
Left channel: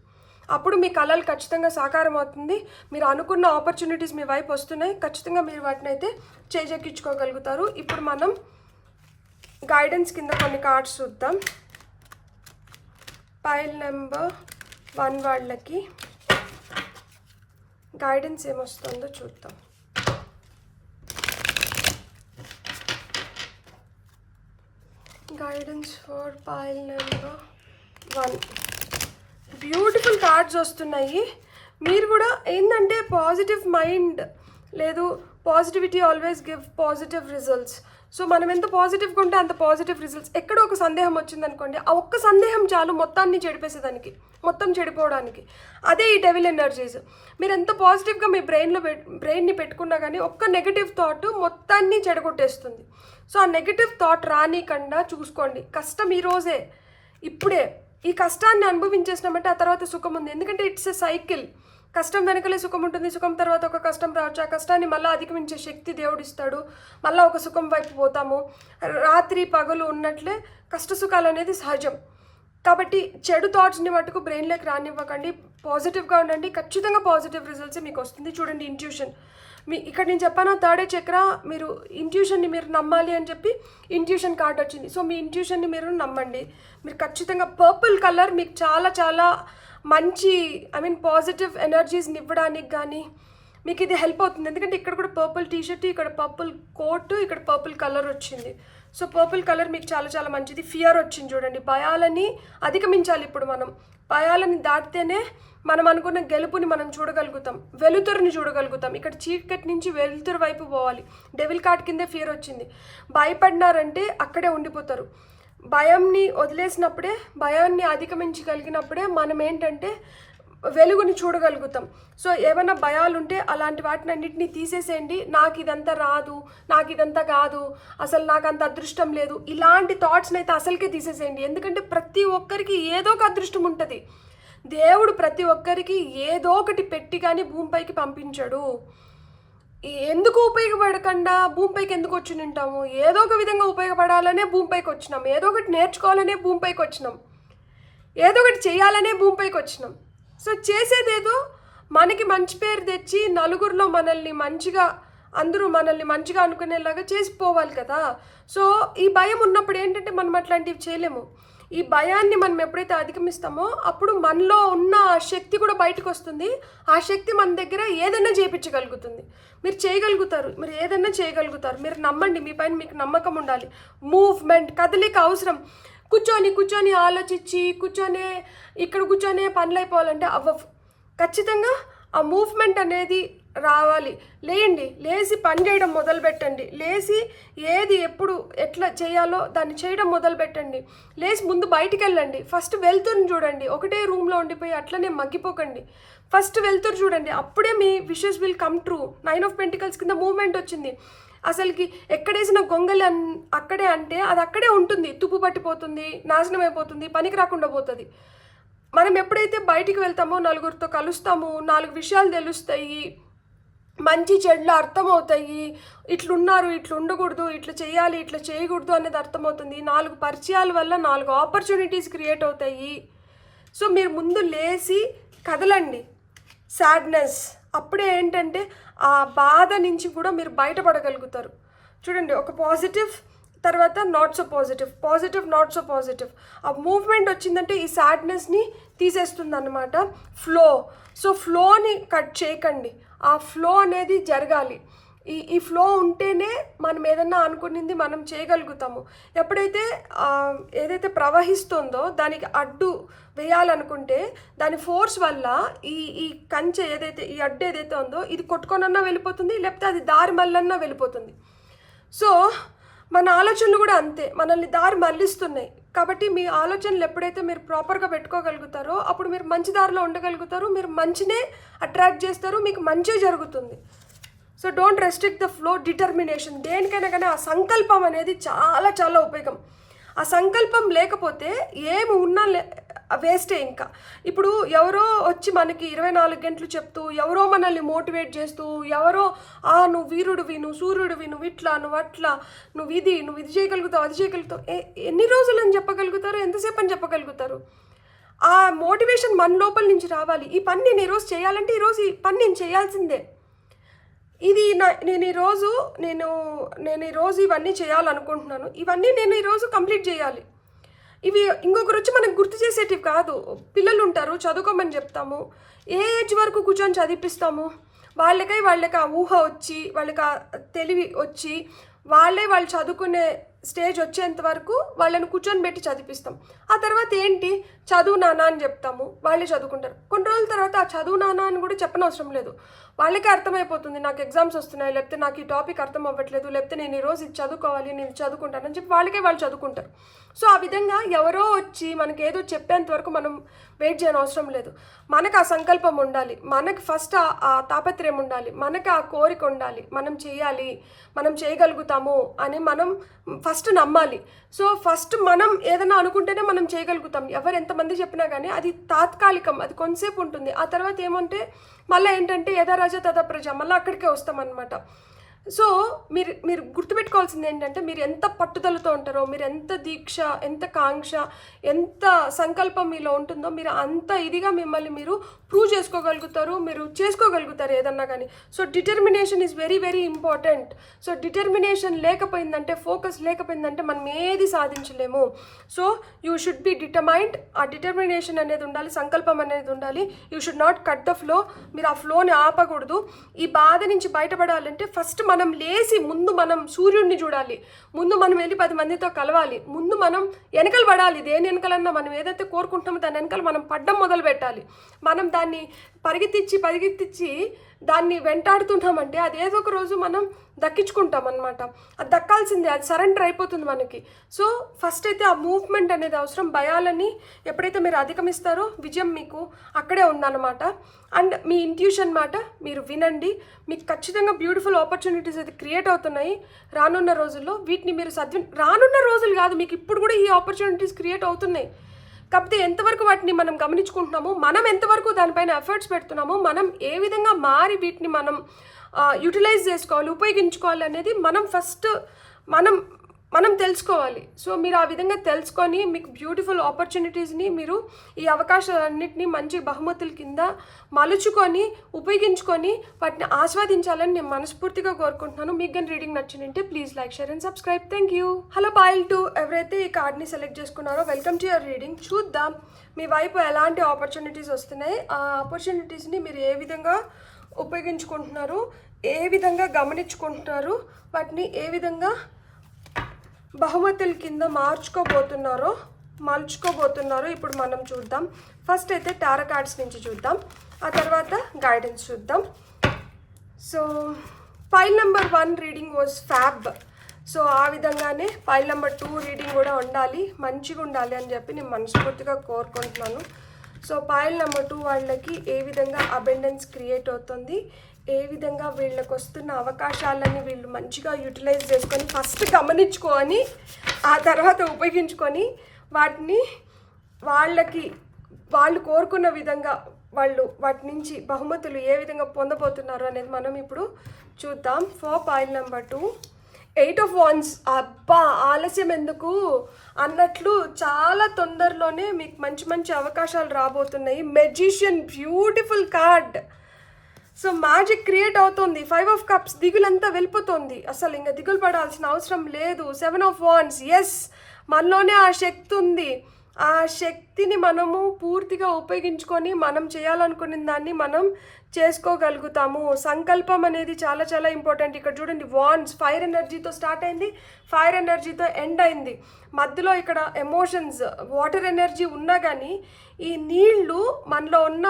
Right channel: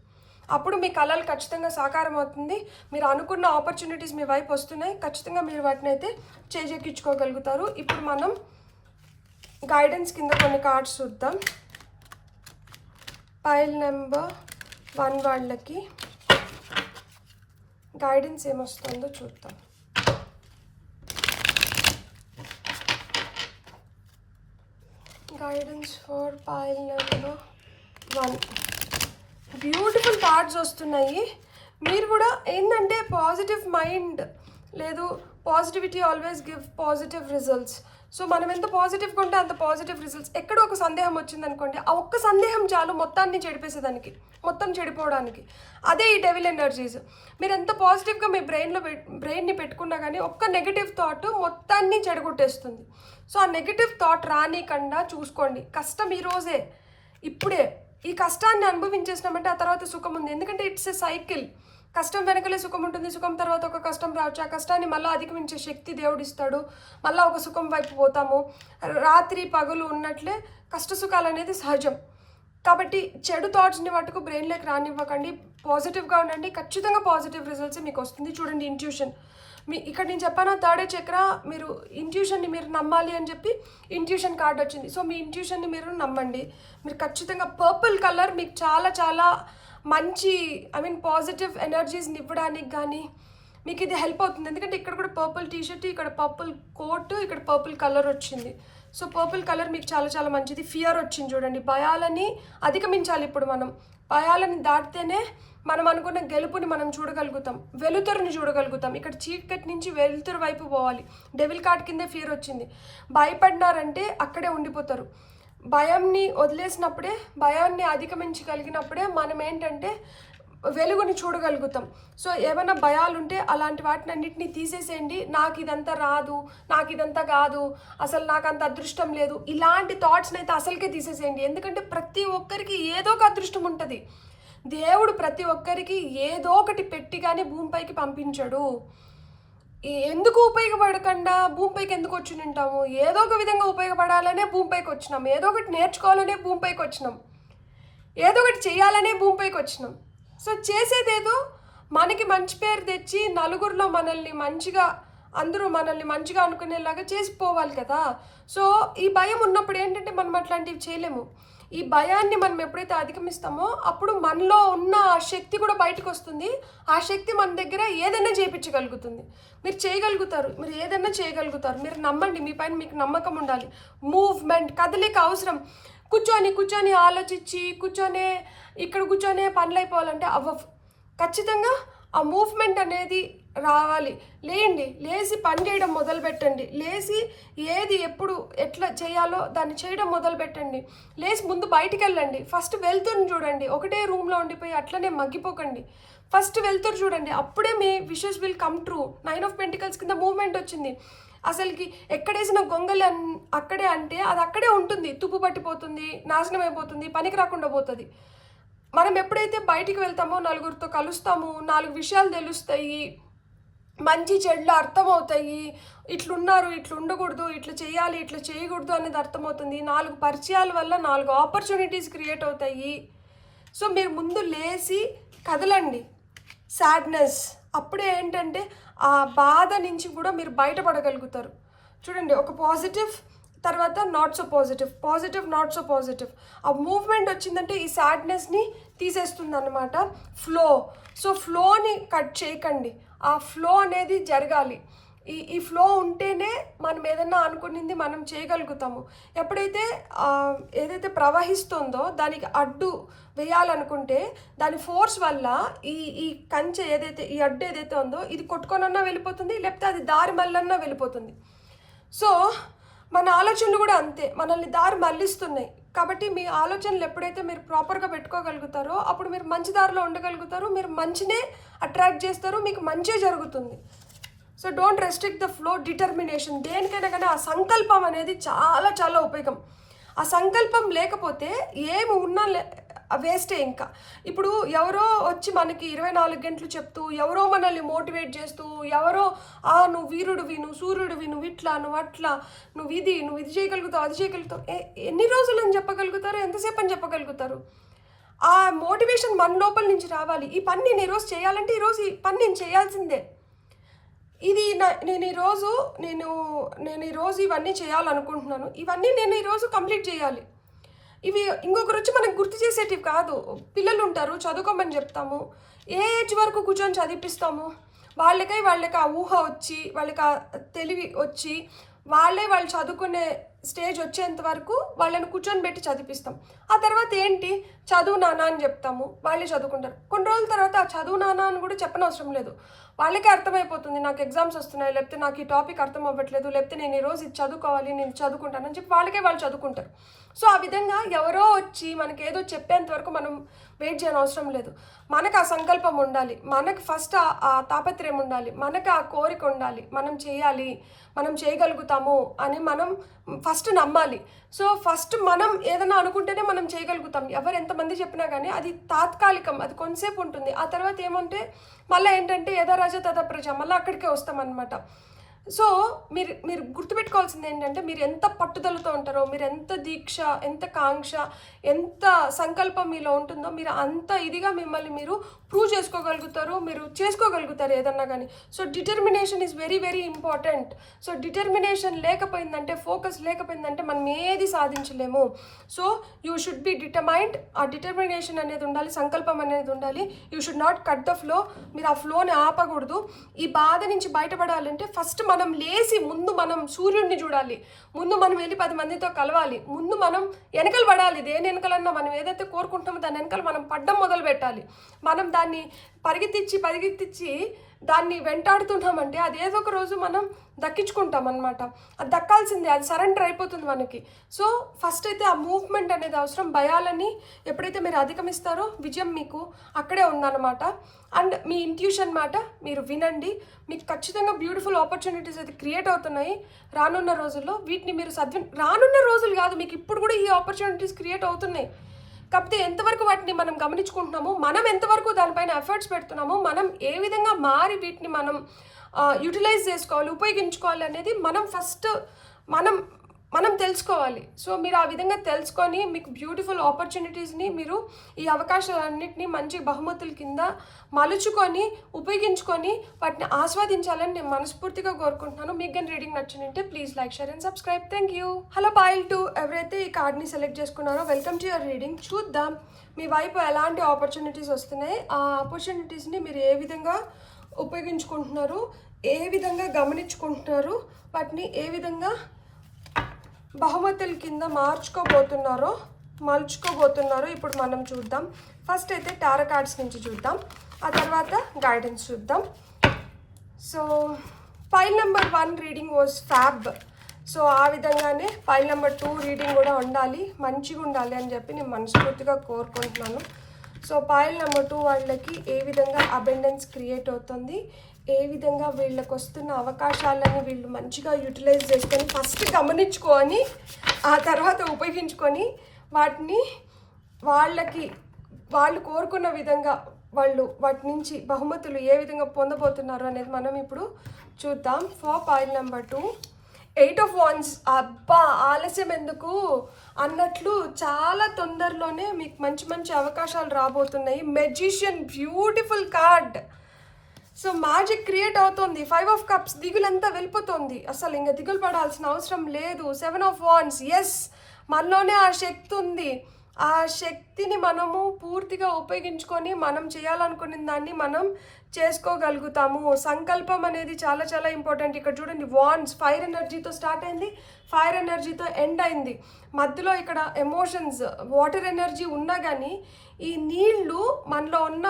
అప్పుడు మీ కళలు ఖచ్చితంగా సాకారం అవుతుంది. మీరు అనుకున్న ఆపర్చునిటీస్ మీ వైపు వస్తున్నాయి. ఖచ్చితంగా మీరు వాటిని అయితే చేజెక్కించుకోగలుగుతారు. ఇప్పుడు మనం గైడెన్స్ కింద కొన్ని కార్డ్స్ చూద్దాం. పైల్ నెంబర్ 1 వాళ్ళకి గైడెన్స్ ఏమొస్తుందో చూద్దాం. Guidance for pile number 1. Beautiful cards వస్తున్నాయి. మీరు కూడా ఏంటంటే పాజిటివ్ మైండ్ లేదు, positivity always give positive results. So మనం ఎంత పాజిటివ్గా ఉంటే అంత పాజిటివ్ రిజల్ట్స్. ఎక్కడో ఒక సందేహం వచ్చిందనుకోండి, ఆ ఒక్క సందేహం చాలు మొత్తాన్ని చెడిపేసేదానికి, మొత్తం చెడిపోవడానికి. అదే ఈ డెవిల్ ఎనర్జీస్. మీరు ఎంత పాజిటివ్గా మీ బ్రెయిన్ని పెట్టుకున్నా కానీ ఒక్క నెగిటివ్ థాట్ మొత్తాన్ని చెడగొట్టేస్తుంది. సో ఆ నెగిటివ్ థాట్ రానికుండా చూసుకోండి. కష్టం ఈరోజే, ఇప్పుడే ఈ కష్టాన్ని అనుభవించేసినామంటే ఆ తర్వాత సుఖం ఉంది. ఎందుకంటే ఇట్స్ ఎ సైకిల్. కష్టం వెనకలే సుఖం ఉంటుంది, సుఖం తర్వాత ఒక కష్టం రావచ్చు. ఆ కష్టాన్ని మళ్ళీ అధిగమించే శక్తి దేవుడు ఇస్తాడు. మళ్ళీ ఒక సుఖం వైపు పోతాము. రాత్రి పగలు ఉన్నట్లే కష్ట సుఖాలు అనేది సహజం. కాబట్టి చెడు థాట్స్ని మటుకు బ్రెయిన్లోకి రానివ్వకండి. పాజిటివ్గా ఉండండి. ఖచ్చితంగా పాజిటివ్ రిజల్ట్స్ మీకు వస్తుంది. చూడండి, ఇంట్యూషన్. ఇక్కడ నేను చెప్పాను, థర్డ్ చక్ర, మీరు ఇంట్యూషన్ని మీరు నమ్మాలి అని చెప్పి ఇంట్యూషన్ కార్డ్ వచ్చింది. సో మీ ఇంట్యూషన్ని మీరు నమ్మండి. మీరు ఖచ్చితంగా పర్పుల్ కలర్ మీకు చాలా చాలా మంచి పాజిటివ్ ఎనర్జీస్ని ఇవ్వడానికి కానీ మీకు ఇది హెల్ప్ అవుతుంది. ఎందుకంటే ఇక్కడ కూడా పర్పుల్ టీషర్ట్, ఇక్కడ పర్పుల్ కోట్, ఇక్కడ పర్పుల్ కలర్ వచ్చింది. సో పర్పుల్ కలర్ మీకు చాలా చాలా మంచిది. ఫియర్ వచ్చింది చూడండి. భయాలని అధిగమించాలి. ఇప్పుడు మనం భయాలని దాటితేనే మనం అనుకున్న గెలుపుని మనం చూడగలుగుతాం, వెలుతురుని చూడగలుగుతాం. ఇక్కడ చీకటి నుంచి వెలుతురు వైపు పోవాలి. డెవిల్ కార్డ్ కిందే ఫియర్ వచ్చింది. భయపడినారంటే అక్కడే ఉండిపోతారు. భయంని వదిలేసినప్పుడే, భయాన్ని అధిగమించగలిగినప్పుడే మనం ఏంటంటే వెలుగుని చూడగలుగుతాం. సో ఏమైనా భయాలు ఉంటే అలాంటి వాటిని అన్నింటినీ తీసేసేయండి. నాకు ఇదంతా రాదు, నాకు ఇదంతా కాదు, అసలు నాకు అంత అదృష్టం లేదు, ఇలాంటి థాట్స్ని అయితే అసలుకే తీసేసేయండి. ఎందుకంటే ప్రతి ఒక్కరికి ఏదో ఒక అదృష్టం ఉంటుంది. దేవుడు ప్రతి ఒక్కరికి ఏదో ఒకటి పెట్టి కానీ భూమిపైకి పంపించాడు. ఎందుకు ఉపయోగపడకుండా భూమిపైకి ఎందుకు వచ్చి ఉంటాము? ఏదో ఒక విధంగా ఉపయోగపడాలనే భూమిపైకి వచ్చినాం. ఏదో ఒకటి నేర్చుకోవాలనే భూమిపైకి వచ్చినాం. ఏదో ఒకటి చేయాలనే భూమిపైకి వచ్చినాం. సో చేసేదేదో మనకి మంచి పేరు తెచ్చి నలుగురిలో మనల్ని మంచిగా, అందరూ మనల్ని మంచిగా అనుకునేలాగా చేసిపోవాలి కదా. సో ఈ భయం ఉన్నప్పుడు ఏంటంటే మనం అట్లాంటివి చేయలేము. ఈ భయాన్ని మనం ఎప్పుడైతే అధిగమిస్తామో అప్పుడు మనలో ఉన్న శక్తి కూడా బయటకు వస్తుంది. ఆ శక్తి మన దగ్గర ఏదైనా చేయించగలుగుతుంది. మీరు చేయగలుగుతారు, మీరు ఏదైనా చేయగలుగుతారు. మీరు నమ్మండి, మీ పైన మీకు నమ్మకం ఉండాలి. మూవ్మెంట్, కదలిక అవసరం. కూర్చొని ఆలోచించి ఇక్కడ కూర్చొనే పనులు అయిపోవాలంటే అవ్వవు. ఖచ్చితంగా ఆ మూవ్మెంట్ అనేది రావాలి. లేచి పని చేయడం మొదలు పెట్టండి. లేచి ఏది ఎప్పుడు ఎట్లా చేయాలో దాన్ని చేయడం మొదలు పెట్టండి. లేచి ముందు బయటికి వెళ్ళండి. ఫస్ట్ వెళ్తురుని చూడండి. ఒకటే రూమ్లో ఉండిపోయి అట్లనే మగ్గిపోకండి. ఫస్ట్ వెళ్తురు చూడండి. అప్పుడే మీ wishes will come true. 9 of pentacles కింద మూవ్మెంట్ వచ్చింది. అసలుకి ఎక్కడేసిన గొంగలి అక్కడే అంటే అది అక్కడే ఉంటుంది. తుప్పు పట్టిపోతుంది, నాశనం అయిపోతుంది, పనికి రాకుండా పోతుంది. మనం ఎప్పుడైతే బయటికి వెళ్తామో, నలుగురితో కలుస్తామో, 4 విషయాలు తెలుస్తాయి, మంచి చెడ్లు అర్థమవుతాయి. ఇట్లున్నారు, ఇట్లా ఉండకూడదు, ఇట్లా చేయాలి, ఇట్లా చేయకూడదు అనేది అర్థమవుతుంది. 4 పరిచయాల వల్ల 4 ఆపర్చునిటీస్ క్రియేట్ అవుతాయి. సో మీరు ముందు లేచి కదలండి. సాడ్నెస్ అప్పుడే ఏంటంటే ఆ బాధ నుంచి కూడా మీరు బయటపడగలుగుతారు. చూడండి, ఒక పాజిటివ్, తర్వాత not so positive, positive not so positive. ఆ మూవ్మెంట్ వచ్చిందంటే ఈ సాడ్నెస్ని తీసేస్తుంది అన్నమాట. ఫ్లో. సో ఫ్లోని కట్ చేయకండి, ఆ ఫ్లో అనేది జరగాలి. ఈ ఫ్లో ఉంటేనే మనం ఏదన్నా అనుకునింది మనం చేయగలుగుతాము. ఎప్పుడైతే ఏదైతే ప్రవహిస్తుందో దానికి అడ్డు వేయాలనుకుంటే దాని ఫోర్స్ వల్ల ఈ ఈ కంచె ఏదైతే, ఈ అడ్డు ఏదైతే ఉందో ఇది కొట్టుకొనన్నా వెళ్ళిపోతుంది, లేకపోతే అది దారి మళ్ళన్నా వెళ్ళిపోతుంది. సో మన ఆలోచనలు కూడా అంతే, మనల్ని దారి మళ్ళిస్తున్నాయి. కాబట్టి మీ ఆలోచనలు ఎప్పుడైతే మీరు ప్రాపర్గా పెట్టుకోగలుగుతారో అప్పుడు మీరు మంచి దారిలో ఉండగలుగుతారు, మీరు మంచినే అట్రాక్ట్ చేస్తారు, మీకు మంచి జరుగుతుంది. So don't restrict the flow. Determination, దేనికైనా కానీ ఆ సంకల్పం అనేది చాలా చాలా ఉపయోగం. ఆ సంకల్పం లేకపోతే ఏమి ఉన్నా వేస్టే. ఇంకా ఇప్పుడు ఎవరో వచ్చి మనకి 24 గంటలు చెప్తూ, ఎవరో మనల్ని మోటివేట్ చేస్తూ, ఎవరో నువ్వు వీరుడివి, నువ్వు సూర్యుడివి, నువ్వు ఇట్లా, నువ్వు అట్లా, నువ్వు ఇది చేయగలుగుతావు, అది చేయగలుగుతావు, ఎన్ని రోజులు అని చెప్పగలుగుతారు, ఎంతసేపు అని చెప్పగలుగుతారు? ఆ మోటివేషన్ మన లోపల నుంచి రావాలి. ఈ పని నేను ఈరోజు చేయాలంటే ఈరోజు ఈ పని నేను చేయాల్సిందే. ఇది నేను ఈరోజు ఇవన్నీ చేయాలనుకుంటున్నాను, ఇవన్నీ నేను ఈరోజు కంప్లీట్ చేయాలి. ఇవి ఇంకొకరు వచ్చి మనకు గుర్తు చేసేటివి కాదు. పిల్లలు ఉంటారు, చదువుకోమని చెప్తాము, ఏ ఏజ్ వరకు కూర్చొని చదివిపిస్తాము, వాళ్ళకి ఆ ఊహ వచ్చి, వాళ్ళకి ఆ తెలివి వచ్చి, వాళ్ళు చదువుకునే స్టేజ్ వచ్చేంత వరకు వాళ్ళని కూర్చొని పెట్టి చదివిపిస్తాం. ఆ తర్వాత ఏంటి, చదువు నాన్న అని చెప్తాము, వాళ్ళే చదువుకుంటారు. కొన్ని రోజుల తర్వాత ఆ చదువు నాన్న అని కూడా చెప్పనవసరం లేదు, వాళ్ళకే అర్థమైపోతుంది, నాకు ఎగ్జామ్స్ వస్తున్నాయి, లేకపోతే నాకు ఈ టాపిక్ అర్థం అవ్వట్లేదు, లేకపోతే నేను ఈరోజు ఇది చదువుకోవాలి, నేను చదువుకుంటానని చెప్పి వాళ్ళు చదువుకుంటారు. సో ఆ విధంగా ఎవరో వచ్చి మనకి ఏదో చెప్పేంత వరకు మనం వెయిట్ చేయని అవసరం లేదు. మనకు ఆ సంకల్పం ఉండాలి, మనకు ఫస్ట్ ఆ తాపత్రయం ఉండాలి, మనకు ఆ కోరిక ఉండాలి, మనం చేయాలి, మనం చేయగలుగుతాము అని మనం ఫస్ట్ నమ్మాలి. సో ఫస్ట్ మనం ఏదైనా అనుకుంటేనే మనం చేయగలుగుతాం. ఎవరు ఎంతమంది చెప్పినా కానీ అది తాత్కాలికం, అది కొంతసేపు ఉంటుంది. ఆ తర్వాత ఏమంటే మళ్ళీ ఏంటంటే యథా రాజా తథా ప్రజ, మళ్ళీ అక్కడికే వస్తామన్నమాట. సో మీరు గుర్తుపెట్టుకోవాల్సింది ఏంటంటే, మీరు ఎంత పట్టుదలతో ఉంటారో, మీరు ఎంత దీక్ష, ఎంత కాంక్ష, ఎంత సంకల్పం మీలో ఉంటుందో, మీరు అంత ఇదిగా మిమ్మల్ని మీరు ప్రూవ్ చేసుకోగలుగుతారు, మీరు చేసుకోగలుగుతారు ఏదన్నా కానీ. So determination is very very important. So determination లేకపోయిందంటే, ఫోకస్ లేకపోయిందంటే మనం ఏది సాధించలేము. So you should be determined. ఆ డిటర్మినేషన్ అనేది ఉండాలి, సంకల్పం అనేది ఉండాలి. You should not cut the flow. మీరు ఆ ఫ్లోని ఆపకూడదు. ఈ బాధ నుంచి బయటపడాలంటే ఫస్ట్ మనం లేచి ముందు మనం సూర్యుడిని చూడాలి, ముందు మనం వెళ్ళి 10 మందితో కలవాలి, ముందు మనం వెనకలు పడాలి. దేని వెనకలన్నా మనం ఏదైతే కోరుకుంటామో దాని వెనకాల మనం పడ్డం మొదలు పెట్టాలి. మనం దాన్ని పరిగెత్తించి దాన్ని వెంటాడుతుంటామంటే అది ఏదో ఒక రోజు మనం దక్కించుకుంటాం అనమాట. అది దక్కాల్సిందే, అది సరెండర్ అయిపోతుంది మనకి. సో ఫస్ట్ అయితే ఆ మూవ్మెంట్ అనేది అవసరం. భయాలని ఎప్పుడైతే మీరు అధిగమిస్తారో విజయం మీకు అక్కడే ఉందన్నమాట. అండ్ మీ ఇంట్యూషన్ మాట మీరు వినండి, మీకు ఖచ్చితంగా బ్యూటిఫుల్ ఆపర్చునిటీస్ అయితే క్రియేట్ అవుతున్నాయి రానున్న రోజుల్లో. వీటిని మీరు రానున్న రోజులు కాదు, మీకు ఇప్పుడు కూడా ఈ ఆపర్చునిటీస్ క్రియేట్ అవుతున్నాయి. కాకపోతే ఎంతవరకు వాటిని మనం గమనించుకుంటున్నామో, మనం ఎంతవరకు దానిపైన ఎఫర్ట్స్ పెడుతున్నామో, మనం ఏ విధంగా మారి వీటిని మనం యూటిలైజ్ చేసుకోవాలి, ఉపయోగించుకోవాలి అనేది మనం ఫస్ట్ మనం తెలుసుకోవాలి. సో మీరు ఆ విధంగా తెలుసుకొని మీకు బ్యూటిఫుల్ ఆపర్చునిటీస్ని, మీరు ఈ అవకాశాలన్నింటినీ మంచి బహుమతుల కింద మలుచుకొని ఉపయోగించుకొని వాటిని ఆస్వాదించాలని నేను మనస్ఫూర్తిగా కోరుకుంటున్నాను. మీకు కానీ రీడింగ్ నచ్చినంటే please like, share and subscribe. Thank you. Hello pile 2, ఎవరైతే ఈ కార్డ్ని సెలెక్ట్ చేసుకున్నారో వెల్కమ్ టు యువర్ రీడింగ్. చూద్దాం మీ వైపు ఎలాంటి ఆపర్చునిటీస్ వస్తున్నాయి, ఆ ఆపర్చునిటీస్ని మీరు ఏ విధంగా ఉపయోగించుకుంటున్నారు, ఏ విధంగా గమనించుకుంటున్నారు, వాటిని ఏ విధంగా బహుమతుల కింద మలుచుకోబోతున్నారో ఇప్పుడు మనం చూద్దాం. ఫస్ట్ అయితే టారో కార్డ్స్ నుంచి చూద్దాం, ఆ తర్వాత గైడెన్స్ చూద్దాం. So file number 1 reading was fab. So ఆ విధంగానే ఫైల్ నెంబర్ 2 రీడింగ్ కూడా ఉండాలి, మంచిగా ఉండాలి అని చెప్పి నేను మనస్ఫూర్తిగా కోరుకుంటున్నాను. సో ఫైల్ నెంబర్ 2 వాళ్ళకి ఏ విధంగా అబెండెన్స్ క్రియేట్ అవుతుంది, ఏ విధంగా వీళ్ళకి వస్తున్న అవకాశాలని వీళ్ళు మంచిగా యూటిలైజ్ చేసుకొని ఫస్ట్ గమనించుకొని ఆ తర్వాత ఉపయోగించుకొని వాటిని వాళ్ళు కోరుకున్న విధంగా వాటి నుంచి బహుమతులు ఏ విధంగా పొందబోతున్నారు అనేది మనం ఇప్పుడు చూద్దాం. For file number 2 8 of Wands. అబ్బా ఆలస్యం ఎందుకు అన్నట్లు చాలా తొందరలోనే మీకు మంచి అవకాశాలు రాబోతున్నాయి. Magician, beautiful card. So magic create అవుతుంది. 5 ఆఫ్ కప్స్ దిగులంతా వెళ్ళిపోతుంది. అసలు ఇంకా దిగులు పడాల్సిన అవసరం లేదు. 7 ఆఫ్ వాండ్స్, ఎస్, మనలోనే ఆ శక్తి ఉంది. ఆ శక్తిని మనము పూర్తిగా ఉపయోగించుకొని మనం చేయాలనుకున్న దాన్ని మనం చేసుకోగలుగుతాము. సంకల్పం అనేది చాలా చాలా ఇంపార్టెంట్. ఇక్కడ చూడండి, వాండ్స్ ఫైర్ ఎనర్జీతో స్టార్ట్ అయింది, ఫైర్ ఎనర్జీతో ఎండ్ అయింది. మధ్యలో ఇక్కడ ఎమోషన్స్, వాటర్ ఎనర్జీ ఉన్నా కానీ ఈ నీళ్లు మనలో ఉన్న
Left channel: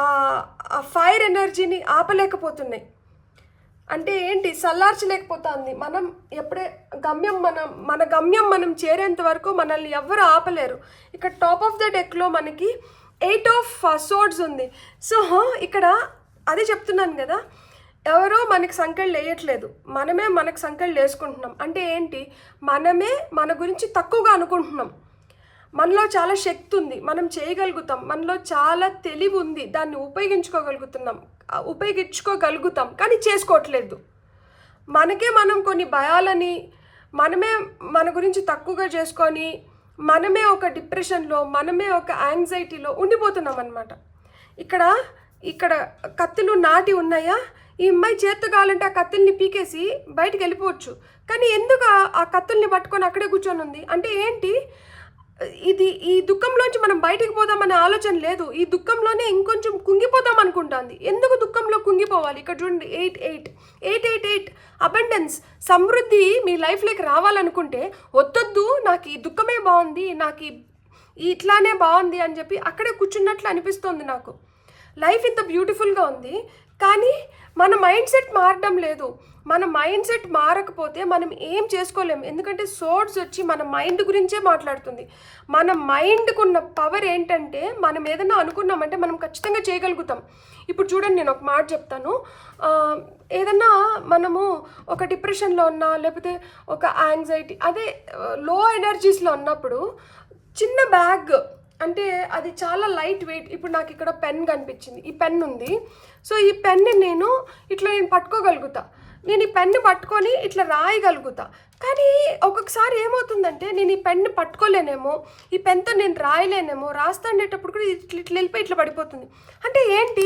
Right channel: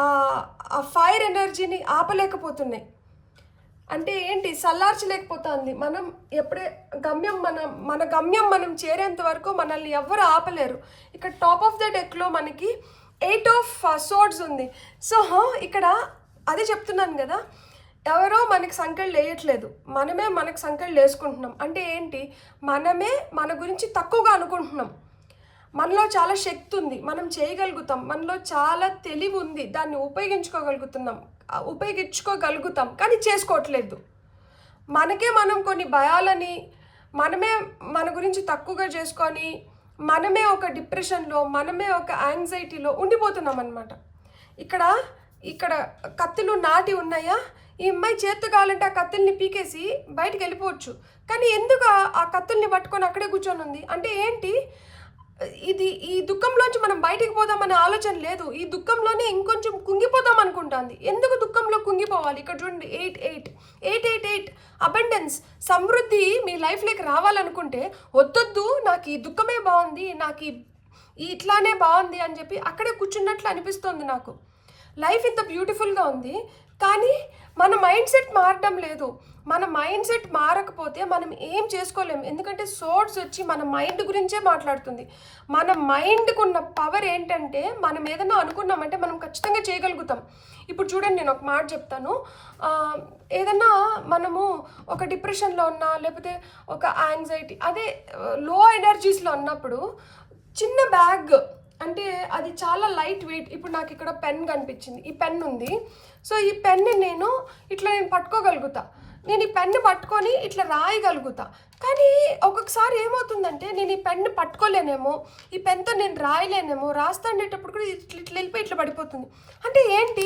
ఆ ఫైర్ ఎనర్జీని ఆపలేకపోతున్నాయి. అంటే ఏంటి, సల్లార్చలేకపోతుంది. మనం ఎప్పుడే మన గమ్యం మనం చేరేంత వరకు మనల్ని ఎవ్వరు ఆపలేరు. ఇక్కడ టాప్ ఆఫ్ ద డెక్లో మనకి 8 ఆఫ్ సోర్డ్స్ ఉంది. సో ఇక్కడ అదే చెప్తున్నాను కదా, ఎవరో మనకి సంఖ్యలు వేయట్లేదు, మనమే మనకు సంఖ్యలు వేసుకుంటున్నాం. అంటే ఏంటి, మనమే మన గురించి తక్కువగా అనుకుంటున్నాం. మనలో చాలా శక్తి ఉంది, మనం చేయగలుగుతాం, మనలో చాలా తెలివి ఉంది, దాన్ని ఉపయోగించుకోగలుగుతాం కానీ చేసుకోవట్లేదు. మనకే మనం కొన్ని భయాలని మనమే మన గురించి తక్కువగా చేసుకొని మనమే ఒక డిప్రెషన్లో, మనమే ఒక యాంగ్జైటీలో ఉండిపోతున్నాం అనమాట. ఇక్కడ కత్తులు నాటి ఉన్నాయా, ఈ అమ్మాయి చేత్తో కావాలంటే ఆ కత్తుల్ని పీకేసి బయటికి వెళ్ళిపోవచ్చు. కానీ ఎందుకు ఆ కత్తుల్ని పట్టుకొని అక్కడే కూర్చొని ఉంది అంటే ఏంటి, ఈ దుఃఖంలోంచి మనం బయటకు పోదామనే ఆలోచన లేదు. ఈ దుఃఖంలోనే ఇంకొంచెం కుంగిపోదాం అనుకుంటుంది. ఎందుకు దుఃఖంలో కుంగిపోవాలి? ఇక్కడ చూడండి, 8 అబండెన్స్, సమృద్ధి మీ లైఫ్లోకి రావాలనుకుంటే వద్దొద్దు, నాకు ఈ దుఃఖమే బాగుంది, నాకు ఇట్లానే బాగుంది అని చెప్పి అక్కడే కూర్చున్నట్లు అనిపిస్తుంది నాకు. లైఫ్ ఇంత బ్యూటిఫుల్గా ఉంది కానీ మన మైండ్ సెట్ మారడం లేదు. మన మైండ్ సెట్ మారకపోతే మనం ఏం చేసుకోలేము. ఎందుకంటే సోర్స్ వచ్చి మన మైండ్ గురించే మాట్లాడుతుంది. మన మైండ్కు ఉన్న పవర్ ఏంటంటే, మనం ఏదైనా అనుకున్నామంటే మనం ఖచ్చితంగా చేయగలుగుతాం. ఇప్పుడు చూడండి, నేను ఒక మాట చెప్తాను. ఏదన్నా మనము ఒక డిప్రెషన్లో ఉన్నా, లేకపోతే ఒక యాంగ్జైటీ, అదే లో ఎనర్జీస్లో ఉన్నప్పుడు చిన్న బ్యాగ్, అంటే అది చాలా లైట్ వెయిట్. ఇప్పుడు నాకు ఇక్కడ పెన్ కనిపించింది, ఈ పెన్ ఉంది. సో ఈ పెన్ని నేను పట్టుకోగలుగుతా, నేను ఈ పెన్ను పట్టుకొని ఇట్లా రాయగలుగుతా. కానీ ఒక్కొక్కసారి ఏమవుతుందంటే, నేను ఈ పెన్ను పట్టుకోలేనేమో, ఈ పెన్తో నేను రాయలేనేమో, రాస్తాండేటప్పుడు కూడా ఇట్లా వెళ్ళిపోయి ఇట్లా పడిపోతుంది. అంటే ఏంటి,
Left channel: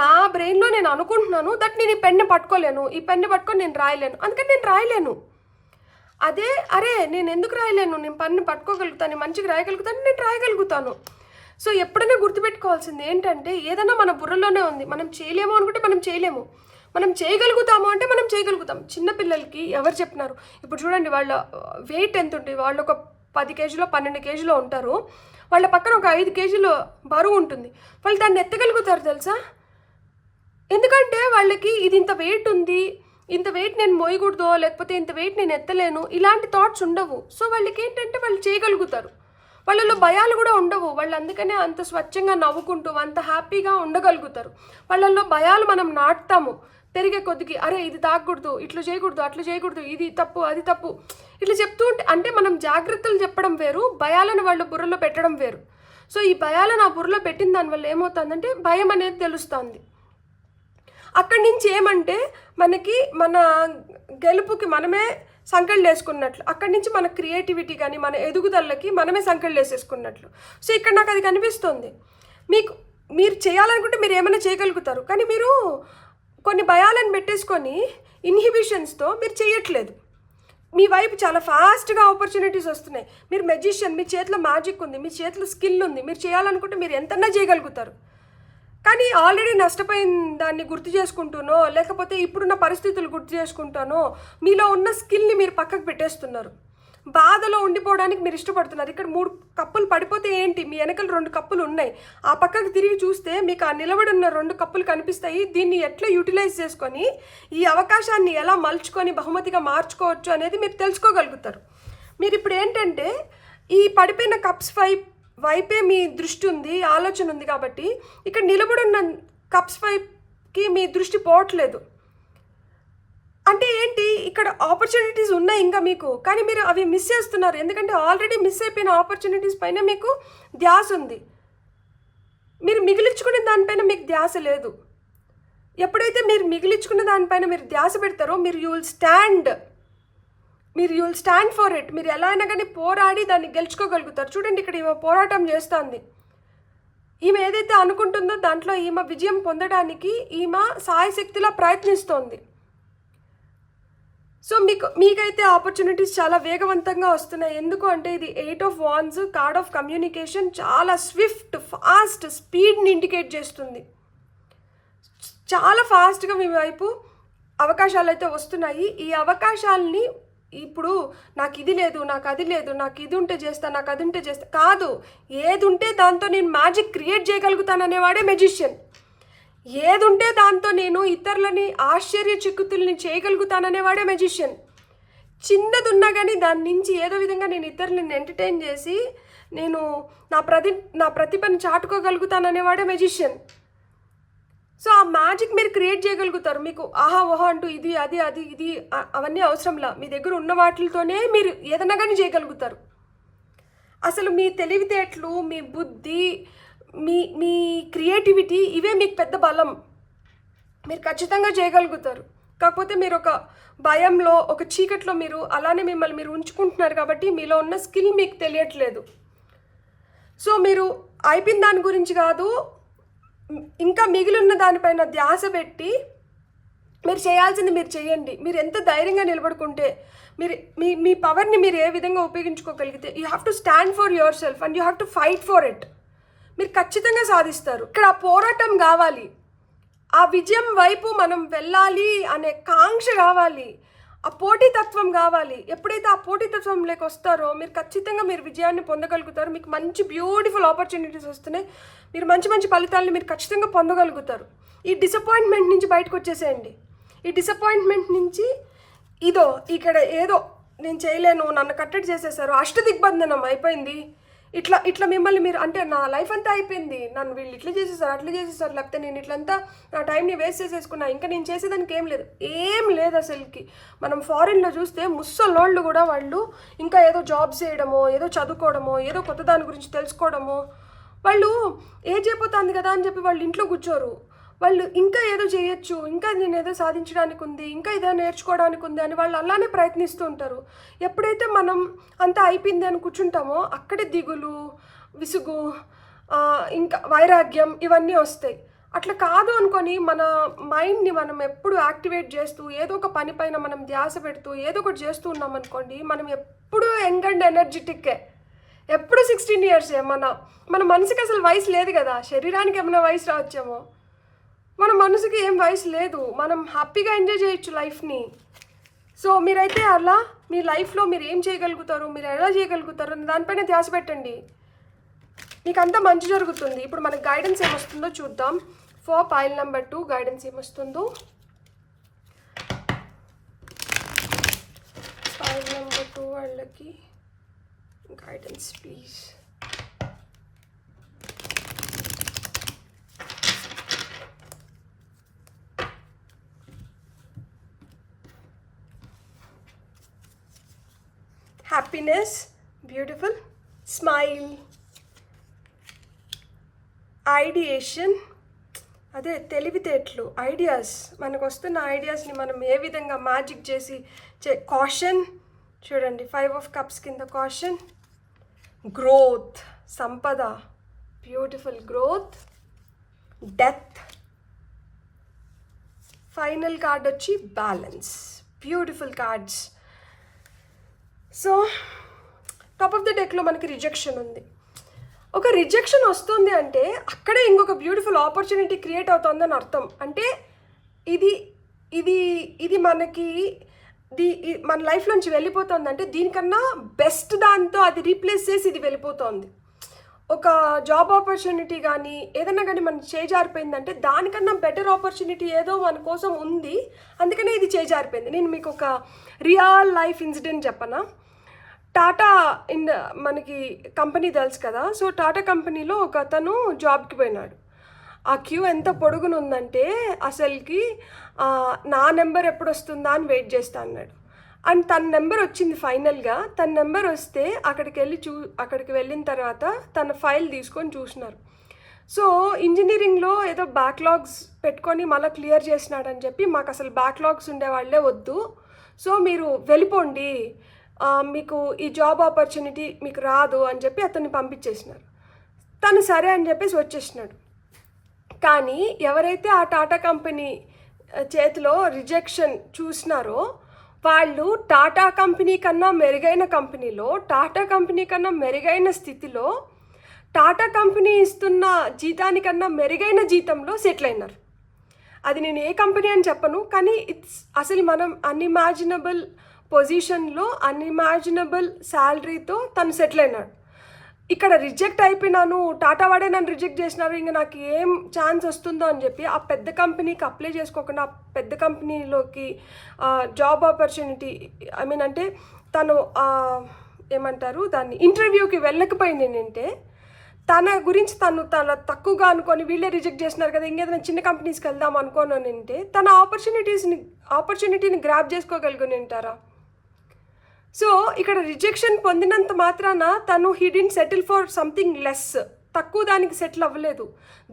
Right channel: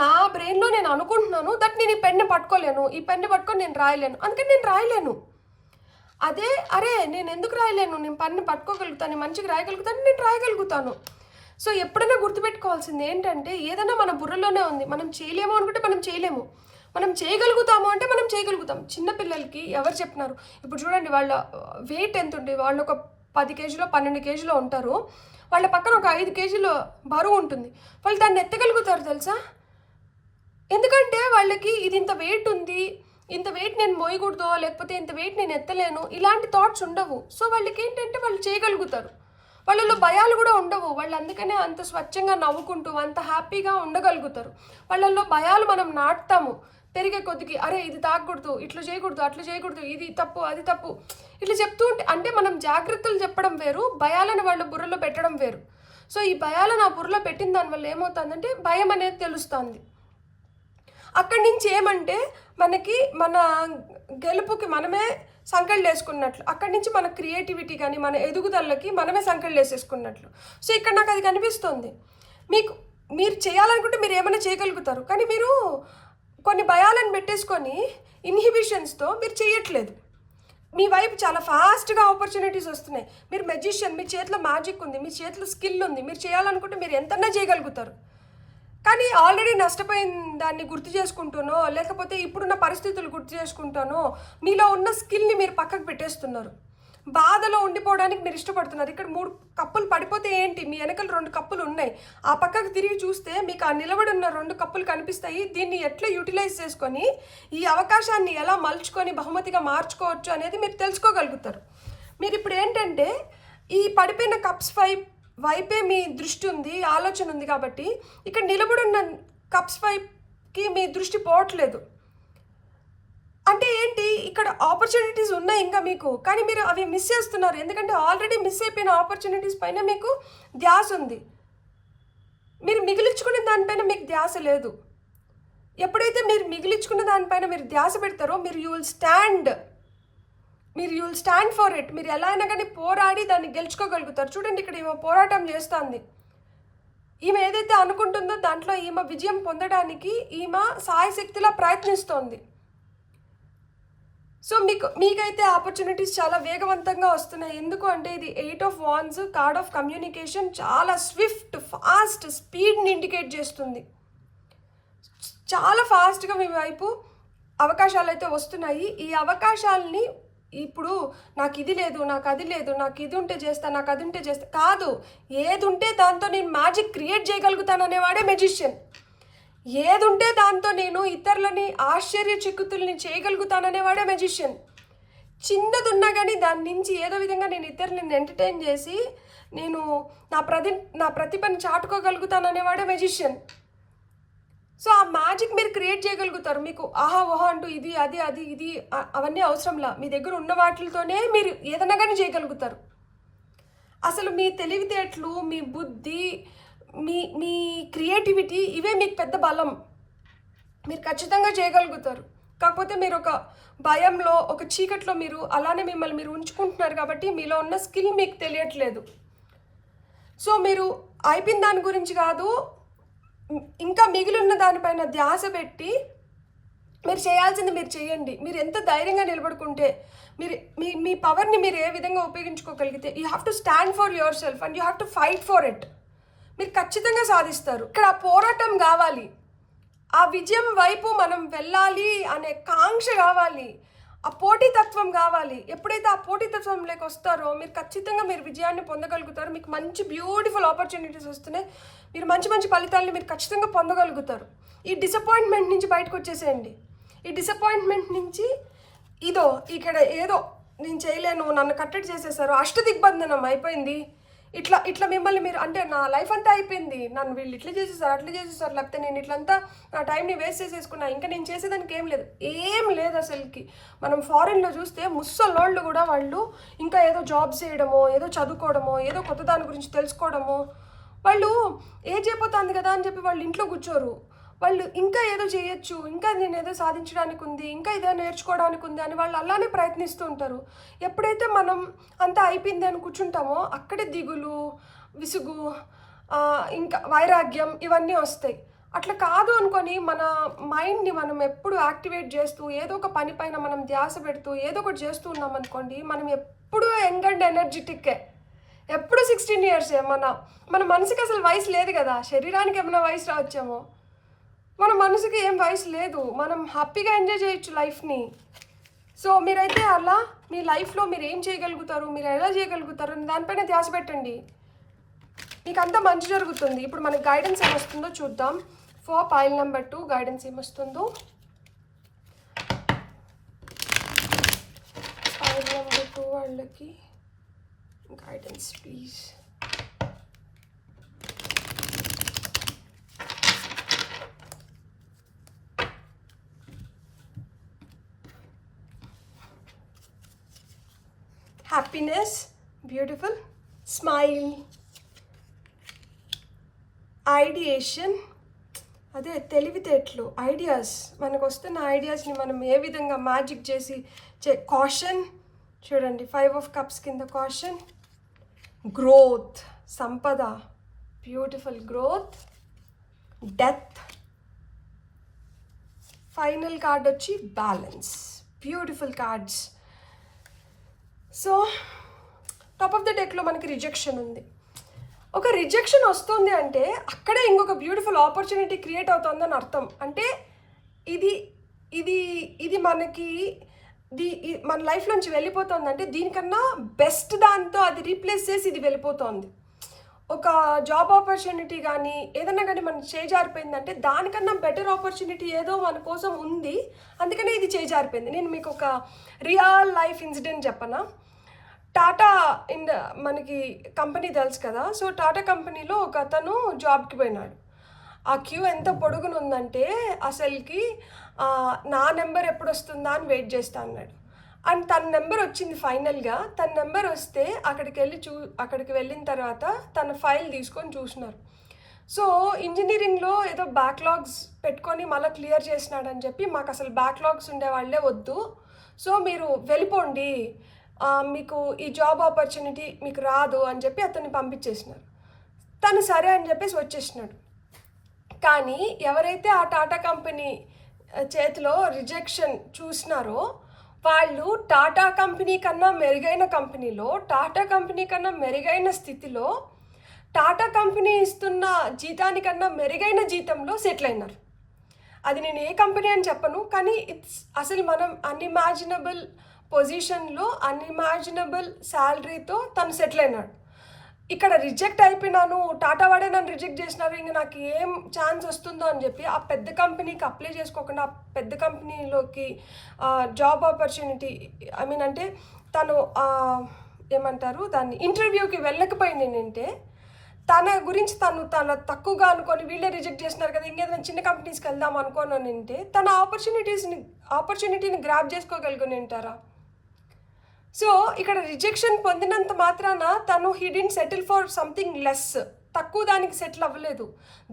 నా బ్రెయిన్లో నేను అనుకుంటున్నాను దట్ నేను ఈ పెన్ను పట్టుకోలేను, ఈ పెన్ను పట్టుకొని నేను రాయలేను, అందుకని నేను రాయలేను. అదే అరే నేను ఎందుకు రాయలేను, నేను పన్ను పట్టుకోగలుగుతాను, మంచిగా రాయగలుగుతాను, నేను రాయగలుగుతాను. సో ఎప్పుడైనా గుర్తుపెట్టుకోవాల్సింది ఏంటంటే, ఏదైనా మన బుర్రలోనే ఉంది. మనం చేయలేము అనుకుంటే మనం చేయలేము, మనం చేయగలుగుతాము అంటే మనం చేయగలుగుతాం. చిన్నపిల్లలకి ఎవరు చెప్పినారు? ఇప్పుడు చూడండి, వాళ్ళ వెయిట్ ఎంత ఉంటుంది, వాళ్ళు ఒక 10 కేజీలో 12 కేజీలో ఉంటారు, వాళ్ళ పక్కన ఒక 5 కేజీలు బరువు ఉంటుంది, వాళ్ళు దాన్ని ఎత్తగలుగుతారు తెలుసా? ఎందుకంటే వాళ్ళకి ఇది ఇంత వెయిట్ ఉంది, ఇంత వెయిట్ నేను మోయకూడదు, లేకపోతే ఇంత వెయిట్ నేను ఎత్తలేను, ఇలాంటి థాట్స్ ఉండవు. సో వాళ్ళకి ఏంటంటే వాళ్ళు చేయగలుగుతారు, వాళ్ళలో భయాలు కూడా ఉండవు. వాళ్ళు అందుకనే అంత స్వచ్ఛంగా నవ్వుకుంటూ అంత హ్యాపీగా ఉండగలుగుతారు. వాళ్ళల్లో భయాలు మనం నాటుతాము పెరిగే కొద్దికి, అరే ఇది తాగకూడదు, ఇట్లా చేయకూడదు, అట్లా చేయకూడదు, ఇది తప్పు, అది తప్పు, ఇట్లా చెప్తూ ఉంటే, అంటే మనం జాగ్రత్తలు చెప్పడం వేరు, భయాలను వాళ్ళ బుర్రలో పెట్టడం వేరు. సో ఈ భయాలను ఆ బుర్రలో పెట్టిన దానివల్ల ఏమవుతుందంటే భయం అనేది తెలుస్తుంది. అక్కడి నుంచి ఏమంటే మనకి మన గెలుపుకి మనమే సంకళ్ళు వేసుకున్నట్లు, అక్కడి నుంచి మన క్రియేటివిటీ కానీ మన ఎదుగుదలకి మనమే సంకళ్ళు వేసేసుకున్నట్లు. సో ఇక్కడ నాకు అది కనిపిస్తుంది. మీరు చేయాలనుకుంటే మీరు ఏమైనా చేయగలుగుతారు, కానీ మీరు కొన్ని భయాలను పెట్టేసుకొని ఇన్హిబిషన్స్తో మీరు చేయట్లేదు. మీ వైపు చాలా ఫాస్ట్గా ఆపర్చునిటీస్ వస్తున్నాయి. మీరు మెజిషియన్, మీ చేతిలో మ్యాజిక్ ఉంది, మీ చేతిలో స్కిల్ ఉంది, మీరు చేయాలనుకుంటే మీరు ఎంతన్నా చేయగలుగుతారు. కానీ ఆల్రెడీ నష్టపోయిన దాన్ని గుర్తు చేసుకుంటానో, లేకపోతే ఇప్పుడున్న పరిస్థితులు గుర్తు చేసుకుంటానో, మీలో ఉన్న స్కిల్ని మీరు పక్కకు పెట్టేస్తున్నారు. బాధలో ఉండిపోవడానికి మీరు ఇష్టపడుతున్నారు. ఇక్కడ 3 కప్పులు పడిపోతే ఏంటి, మీ వెనకలు 2 కప్పులు ఉన్నాయి, ఆ పక్కకు తిరిగి చూస్తే మీకు ఆ నిలబడి ఉన్న 2 కప్పులు కనిపిస్తాయి. దీన్ని ఎట్లా యూటిలైజ్ చేసుకొని ఈ అవకాశాన్ని ఎలా మలుచుకొని బహుమతిగా మార్చుకోవచ్చు అనేది మీరు తెలుసుకోగలుగుతారు. మీరు ఇప్పుడు ఏంటంటే ఈ పడిపోయిన కప్స్ వైపే మీ దృష్టి ఉంది, ఆలోచన ఉంది. కాబట్టి ఇక్కడ నిలబడిన కప్స్ వైపుకి మీ దృష్టి పోవట్లేదు. అంటే ఏంటి, ఇక్కడ ఆపర్చునిటీస్ ఉన్నాయి ఇంకా మీకు, కానీ మీరు అవి మిస్ చేస్తున్నారు. ఎందుకంటే ఆల్రెడీ మిస్ అయిపోయిన ఆపర్చునిటీస్ పైన మీకు ధ్యాస ఉంది, మీరు మిగిలించుకునే దానిపైన మీకు ధ్యాస లేదు. ఎప్పుడైతే మీరు మిగిలించుకున్న దానిపైన మీరు ధ్యాస పెడతారో మీరు you will stand for it. మీరు ఎలా అయినా కానీ పోరాడి దాన్ని గెలుచుకోగలుగుతారు. చూడండి, ఇక్కడ పోరాటం చేస్తుంది. ఈమె ఏదైతే అనుకుంటుందో దాంట్లో ఈమె విజయం పొందడానికి ఈమె సాయశక్తిలా ప్రయత్నిస్తోంది. సో మీకైతే ఆపర్చునిటీస్ చాలా వేగవంతంగా వస్తున్నాయి. ఎందుకు అంటే ఇది 8 of wands, card of communication, చాలా స్విఫ్ట్, ఫాస్ట్, స్పీడ్ని ఇండికేట్ చేస్తుంది. చాలా ఫాస్ట్గా మీ వైపు అవకాశాలు అయితే వస్తున్నాయి. ఈ అవకాశాలని ఇప్పుడు నాకు ఇది లేదు, నాకు అది లేదు, నాకు ఇది ఉంటే చేస్తా, నాకు అది ఉంటే చేస్తా కాదు. ఏది ఉంటే దాంతో నేను మ్యాజిక్ క్రియేట్ చేయగలుగుతాననేవాడే మెజిషియన్. ఏది ఉంటే దాంతో నేను ఇతరులని ఆశ్చర్యచకితుల్ని చేయగలుగుతాననేవాడే మెజిషియన్. చిన్నది ఉన్నా కానీ దాని నుంచి ఏదో విధంగా నేను ఇతరులని ఎంటర్టైన్ చేసి నేను నా ప్రతిభను చాటుకోగలుగుతాననేవాడే మెజిషియన్. సో ఆ మ్యాజిక్ మీరు క్రియేట్ చేయగలుగుతారు. మీకు ఆహా ఓహో అంటూ ఇది అది అది ఇది అవన్నీ అవసరంలా. మీ దగ్గర ఉన్న వాటితోనే మీరు ఏదైనా కానీ చేయగలుగుతారు. అసలు మీ తెలివితేటలు, మీ బుద్ధి, మీ క్రియేటివిటీ ఇవే మీకు పెద్ద బలం. మీరు ఖచ్చితంగా చేయగలుగుతారు. కాకపోతే మీరు ఒక భయంలో, ఒక చీకట్లో మీరు అలానే మిమ్మల్ని మీరు ఉంచుకుంటున్నారు కాబట్టి మీలో ఉన్న స్కిల్ మీకు తెలియట్లేదు. సో మీరు అయిపోయిన దాని గురించి కాదు, ఇంకా మిగిలి ఉన్న దానిపైన ధ్యాస పెట్టి మీరు చేయాల్సింది మీరు చేయండి. మీరు ఎంత ధైర్యంగా నిలబడుకుంటే, మీరు మీ పవర్ని మీరు ఏ విధంగా ఉపయోగించుకోగలిగితే, you have to stand for yourself and you have to fight for it. మీరు ఖచ్చితంగా సాధిస్తారు. ఇక్కడ ఆ పోరాటం కావాలి, ఆ విజయం వైపు మనం వెళ్ళాలి అనే కాంక్ష కావాలి, ఆ పోటీతత్వం కావాలి. ఎప్పుడైతే ఆ పోటీతత్వంలోకి వస్తారో మీరు ఖచ్చితంగా మీరు విజయాన్ని పొందగలుగుతారు. మీకు మంచి బ్యూటిఫుల్ ఆపర్చునిటీస్ వస్తున్నాయి. మీరు మంచి మంచి ఫలితాలని మీరు ఖచ్చితంగా పొందగలుగుతారు. ఈ డిసప్పాయింట్మెంట్ నుంచి బయటకు వచ్చేసేయండి. ఈ డిసప్పాయింట్మెంట్ నుంచి ఇక్కడ ఏదో నేను చేయలేను, నన్ను కట్టడి చేసేసారు, అష్టదిగ్బంధనం అయిపోయింది, ఇట్లా మిమ్మల్ని మీరు అంటే నా లైఫ్ అంతా అయిపోయింది, నన్ను వీళ్ళు ఇట్లా చేసేసారు, అట్లా చేసేసారు, లేకపోతే నేను ఇట్లంతా నా టైంని వేస్ట్ చేసేసుకున్నా, ఇంకా నేను చేసేదానికి ఏం లేదు అసలుకి. మనం ఫారిన్లో చూస్తే ముసలోళ్ళు కూడా వాళ్ళు ఇంకా ఏదో జాబ్స్ చేయడమో, ఏదో చదువుకోవడమో, ఏదో కొత్త దాని గురించి తెలుసుకోవడమో, వాళ్ళు ఏజ్ అయిపోతుంది కదా అని చెప్పి వాళ్ళు ఇంట్లో కూర్చోరు. వాళ్ళు ఇంకా ఏదో చేయొచ్చు, ఇంకా నేను ఏదో సాధించడానికి ఉంది, ఇంకా ఏదో నేర్చుకోవడానికి ఉంది అని వాళ్ళు అలానే ప్రయత్నిస్తూ ఉంటారు. ఎప్పుడైతే మనం అంతా అయిపోయింది అని కూర్చుంటామో అక్కడే దిగులు, విసుగు, ఇంకా వైరాగ్యం ఇవన్నీ వస్తాయి. అట్లా కాదు అనుకొని మన మైండ్ని మనం ఎప్పుడు యాక్టివేట్ చేస్తూ ఏదో ఒక పని పైన మనం ధ్యాస పెడుతూ ఏదో ఒకటి చేస్తూ ఉన్నాం అనుకోండి, మనం ఎప్పుడూ యంగ్ అండ్ ఎనర్జెటిక్కే, ఎప్పుడు 16 years. మన మనసుకి అసలు వయసు లేదు కదా. శరీరానికి ఏమైనా వయసు రావచ్చేమో, మన మనసుకి ఏం వయసు లేదు. మనం హ్యాపీగా ఎంజాయ్ చేయొచ్చు లైఫ్ని. సో మీరైతే అలా మీ లైఫ్లో మీరు ఏం చేయగలుగుతారు, మీరు ఎలా చేయగలుగుతారు అని దానిపైన ధ్యాస పెట్టండి. మీకు అంతా మంచి జరుగుతుంది. ఇప్పుడు మనకి గైడెన్స్ ఏమొస్తుందో చూద్దాం. ఫర్ పైల్ నెంబర్ 2 గైడెన్స్ ఏమొస్తుందో. పైల్ నెంబర్ 2 వాళ్ళకి guidance please. Happiness, beautiful, smile, ideation, అదే తెలివితేటలు, ఐడియాస్, మనకు వస్తున్న ఐడియాస్ని మనం ఏ విధంగా మ్యాజిక్ చేసి కాషన్ చూడండి. 5 of Cups కింద కాషన్, గ్రోత్, సంపద, beautiful growth, death, final card వచ్చి balance. Beautiful cards. So top of the డెక్లో మనకి రిజెక్షన్ ఉంది. ఒక రిజెక్షన్ వస్తుంది అంటే అక్కడే ఇంకొక బ్యూటిఫుల్ ఆపర్చునిటీ క్రియేట్ అవుతుందని అర్థం. అంటే ఇది ఇది ఇది మనకి మన లైఫ్ నుంచి వెళ్ళిపోతుంది అంటే దీనికన్నా బెస్ట్ దాంతో అది రీప్లేస్ చేసి ఇది వెళ్ళిపోతుంది. ఒక జాబ్ ఆపర్చునిటీ కానీ ఏదైనా కానీ మన చేజారిపోయిందంటే దానికన్నా బెటర్ ఆపర్చునిటీ ఏదో మన కోసం ఉంది, అందుకనే ఇది చేజారిపోయింది. నేను మీకు ఒక రియల్ లైఫ్ ఇన్సిడెంట్ చెప్పనా. టాటా మనకి కంపెనీ తెలుసు కదా. సో టాటా కంపెనీలో ఒక అతను జాబ్కి పోయినాడు. ఆ క్యూ ఎంత పొడుగునుందంటే అసలుకి నా నెంబర్ ఎప్పుడు వస్తుందా అని వెయిట్ చేస్తా అన్నాడు. అండ్ తన నెంబర్ వచ్చింది ఫైనల్గా. తన నెంబర్ వస్తే అక్కడికి వెళ్ళిన తర్వాత తన ఫైల్ తీసుకొని చూసినారు. సో ఇంజనీరింగ్లో ఏదో బ్యాక్లాగ్స్ పెట్టుకొని మళ్ళీ క్లియర్ చేసినాడని చెప్పి, మాకు అసలు బ్యాక్లాగ్స్ ఉండేవాళ్ళే వద్దు, సో మీరు వెళ్ళిపోండి, మీకు ఈ జాబ్ ఆపర్చునిటీ మీకు రాదు అని చెప్పి అతన్ని పంపించేసినారు. తను సరే అని చెప్పేసి వచ్చేసినాడు. కానీ ఎవరైతే ఆ టాటా కంపెనీ చేతిలో రిజెక్షన్ చూసినారో వాళ్ళు టాటా కంపెనీ కన్నా మెరుగైన కంపెనీలో, టాటా కంపెనీ కన్నా మెరుగైన స్థితిలో, టాటా కంపెనీ ఇస్తున్న జీతానికన్నా మెరుగైన జీతంలో సెటిల్ అయినారు. అది నేను ఏ కంపెనీ అని చెప్పను, కానీ అసలు మనం అన్ఇమాజినబుల్ పొజిషన్లో అన్ఇమాజినబుల్ శాలరీతో తను సెటిల్ అయినాడు. ఇక్కడ రిజెక్ట్ అయిపోయినాను, టాటా వాడే నన్ను రిజెక్ట్ చేసినారు, ఇంకా నాకు ఏం ఛాన్స్ వస్తుందో అని చెప్పి ఆ పెద్ద కంపెనీకి అప్లై చేసుకోకుండా ఆ పెద్ద కంపెనీలోకి జాబ్ ఆపర్చునిటీ అంటే తను ఏమంటారు దాన్ని ఇంటర్వ్యూకి వెళ్ళకపోయింది ఏంటంటే తన గురించి తను తక్కువగా అనుకొని వీళ్ళే రిజెక్ట్ చేసినారు కదా, ఇంకేదైనా చిన్న కంపెనీస్కి వెళ్దాం అనుకోని అంటే తన ఆపర్చునిటీని గ్రాప్ చేసుకోగలిగి ఉంటారా? సో ఇక్కడ రిజెక్షన్ పొందినంత మాత్రాన తను he didn't settle for something less, తక్కువ దానికి సెటిల్ అవ్వలేదు,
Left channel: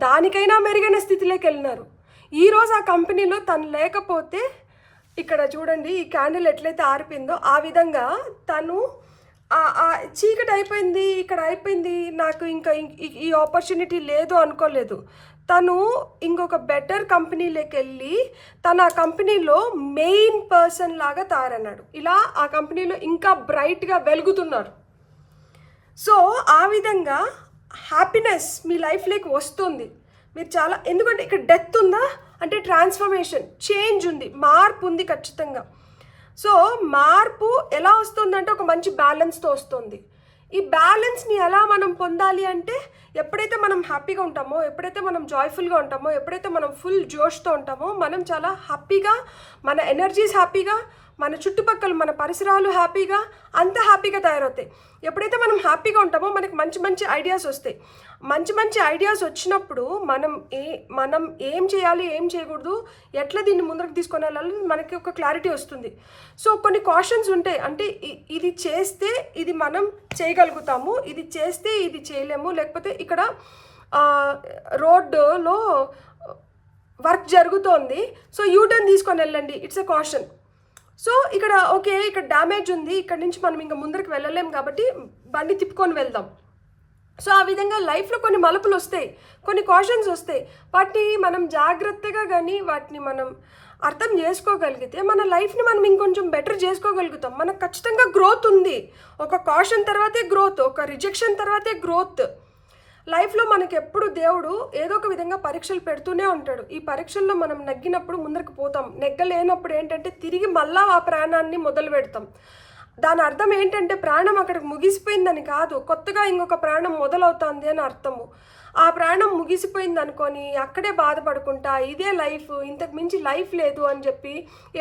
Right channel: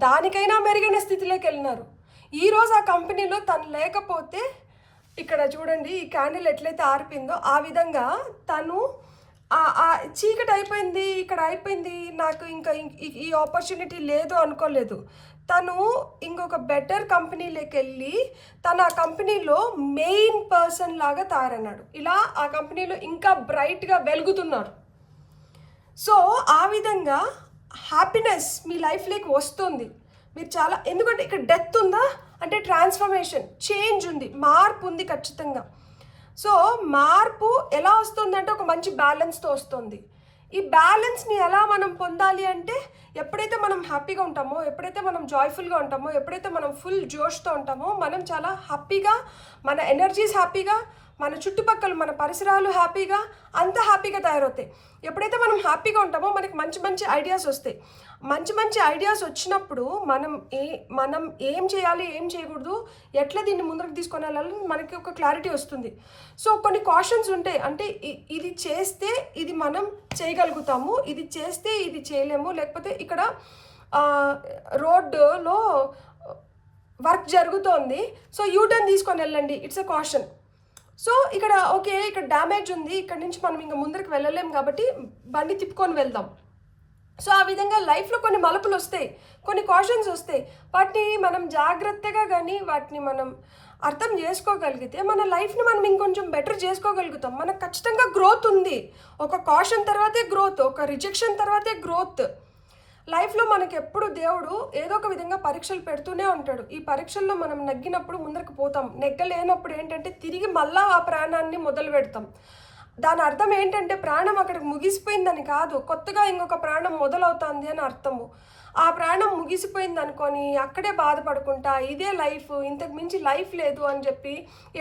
దానికైనా మెరుగైన స్థితిలోకి వెళ్ళినారు. ఈరోజు ఆ కంపెనీలో తను లేకపోతే ఇక్కడ చూడండి ఈ క్యాండిల్ ఎట్లయితే ఆరిపోయిందో ఆ విధంగా తను చీకటి అయిపోయింది, ఇక్కడ అయిపోయింది, నాకు ఇంకా ఈ ఆపర్చునిటీ లేదు అనుకోలేదు. తను ఇంకొక బెటర్ కంపెనీలోకి వెళ్ళి తను ఆ కంపెనీలో మెయిన్ పర్సన్ లాగా తయారన్నాడు. ఇలా ఆ కంపెనీలో ఇంకా బ్రైట్గా వెలుగుతున్నారు. సో ఆ విధంగా హ్యాపీనెస్ మీ లైఫ్లోకి వస్తుంది. మీరు చాలా, ఎందుకంటే ఇక్కడ డెత్ ఉందా అంటే ట్రాన్స్ఫర్మేషన్, చేంజ్ ఉంది, మార్పు ఉంది ఖచ్చితంగా. సో మార్పు ఎలా వస్తుందంటే ఒక మంచి బ్యాలెన్స్తో వస్తుంది. ఈ బ్యాలెన్స్ని ఎలా మనం పొందాలి అంటే ఎప్పుడైతే మనం హ్యాపీగా ఉంటామో, ఎప్పుడైతే మనం జాయ్ఫుల్గా ఉంటామో, ఎప్పుడైతే మనం ఫుల్ జోష్తో ఉంటామో మనం చాలా హ్యాపీగా, మన ఎనర్జీస్ హ్యాపీగా, మన చుట్టుపక్కల మన పరిసరాలు హ్యాపీగా, అంత హ్యాపీగా తయారవుతాయి. ఎప్పుడైతే మనం హ్యాపీగా ఉంటామో మనకి మంచి మంచి ఐడియాస్ వస్తాయి. మంచి మంచి ఐడియాస్ వచ్చినప్పుడు మనం ఏం చేయాలి, ఏం చేయకూడదు, ఎట్లా దీన్ని ముందుకు తీసుకొని వెళ్ళాలి మనకి ఒక క్లారిటీ వస్తుంది. సో కొన్ని కాషన్స్ ఉంటాయి, అంటే ఇది చేస్తే ఇది మనం చేయగలుగుతాము, ఇది చేస్తే ఇది చేయలేము, లేకపోతే ఇక్కడ రోడ్డులో వర్క్ జరుగుతోంది సో యూటర్న్ తీసుకొని వెళ్ళండి, ఇట్స్ ఎ కాషన్. సో ఇక్కడ ఓకే ఇక్కడ డ్యామేజ్ ఉంది, ఇక్కడ నుంచి మనం ఇంకా ముందరికి వెళ్ళలేము కాబట్టి బండి తిప్పుకొని వెళ్దాం. సో ఆ విధంగా లైఫ్లో కొన్ని మలుపులు వస్తాయి, కొన్ని కాషన్స్ వస్తాయి. వాటిని మనం జాగ్రత్తగా కానీ వాటిని మనం అర్థం చేసుకోగలిగితే మన లైఫ్ని మనం ఇంకొంచెం బెటర్ చేసుకోగలుగుతాం. మనకు ఖచ్చితంగా గ్రోత్ ఉంది. ఒక కాషన్ తర్వాతే గ్రోత్, ఒక రిజెక్షన్ తర్వాతే గ్రోత్. లైఫ్లో మనకి ఎప్పుడు దేవుడు ఏదో ఒక విధంగా పరీక్షలు పెడుతూనే ఉంటాడు. ఈ పరీక్షల్లో మనం నెగ్గినప్పుడు ముందరకు పోతాం, నెగ్గలేనప్పుడు ఏంటంటే తిరిగి మళ్ళా ఆ ప్రాణాన్ని మొదలు పెడతాం. దాని అర్థం ఏంటంటే ప్రాణం అక్కడికి ముగిసిపోయిందని కాదు, కొత్తగా ఇంకొక ప్రాణం మొదలవుతుంది అని అర్థము. ఆ ప్రాణం ముగిసిపోయింది అనుకొని అక్కడే బాధపడుకుంటా ఇదే లైఫ్, ఇంతకు మించి లైఫ్ లేదు అని చెప్పి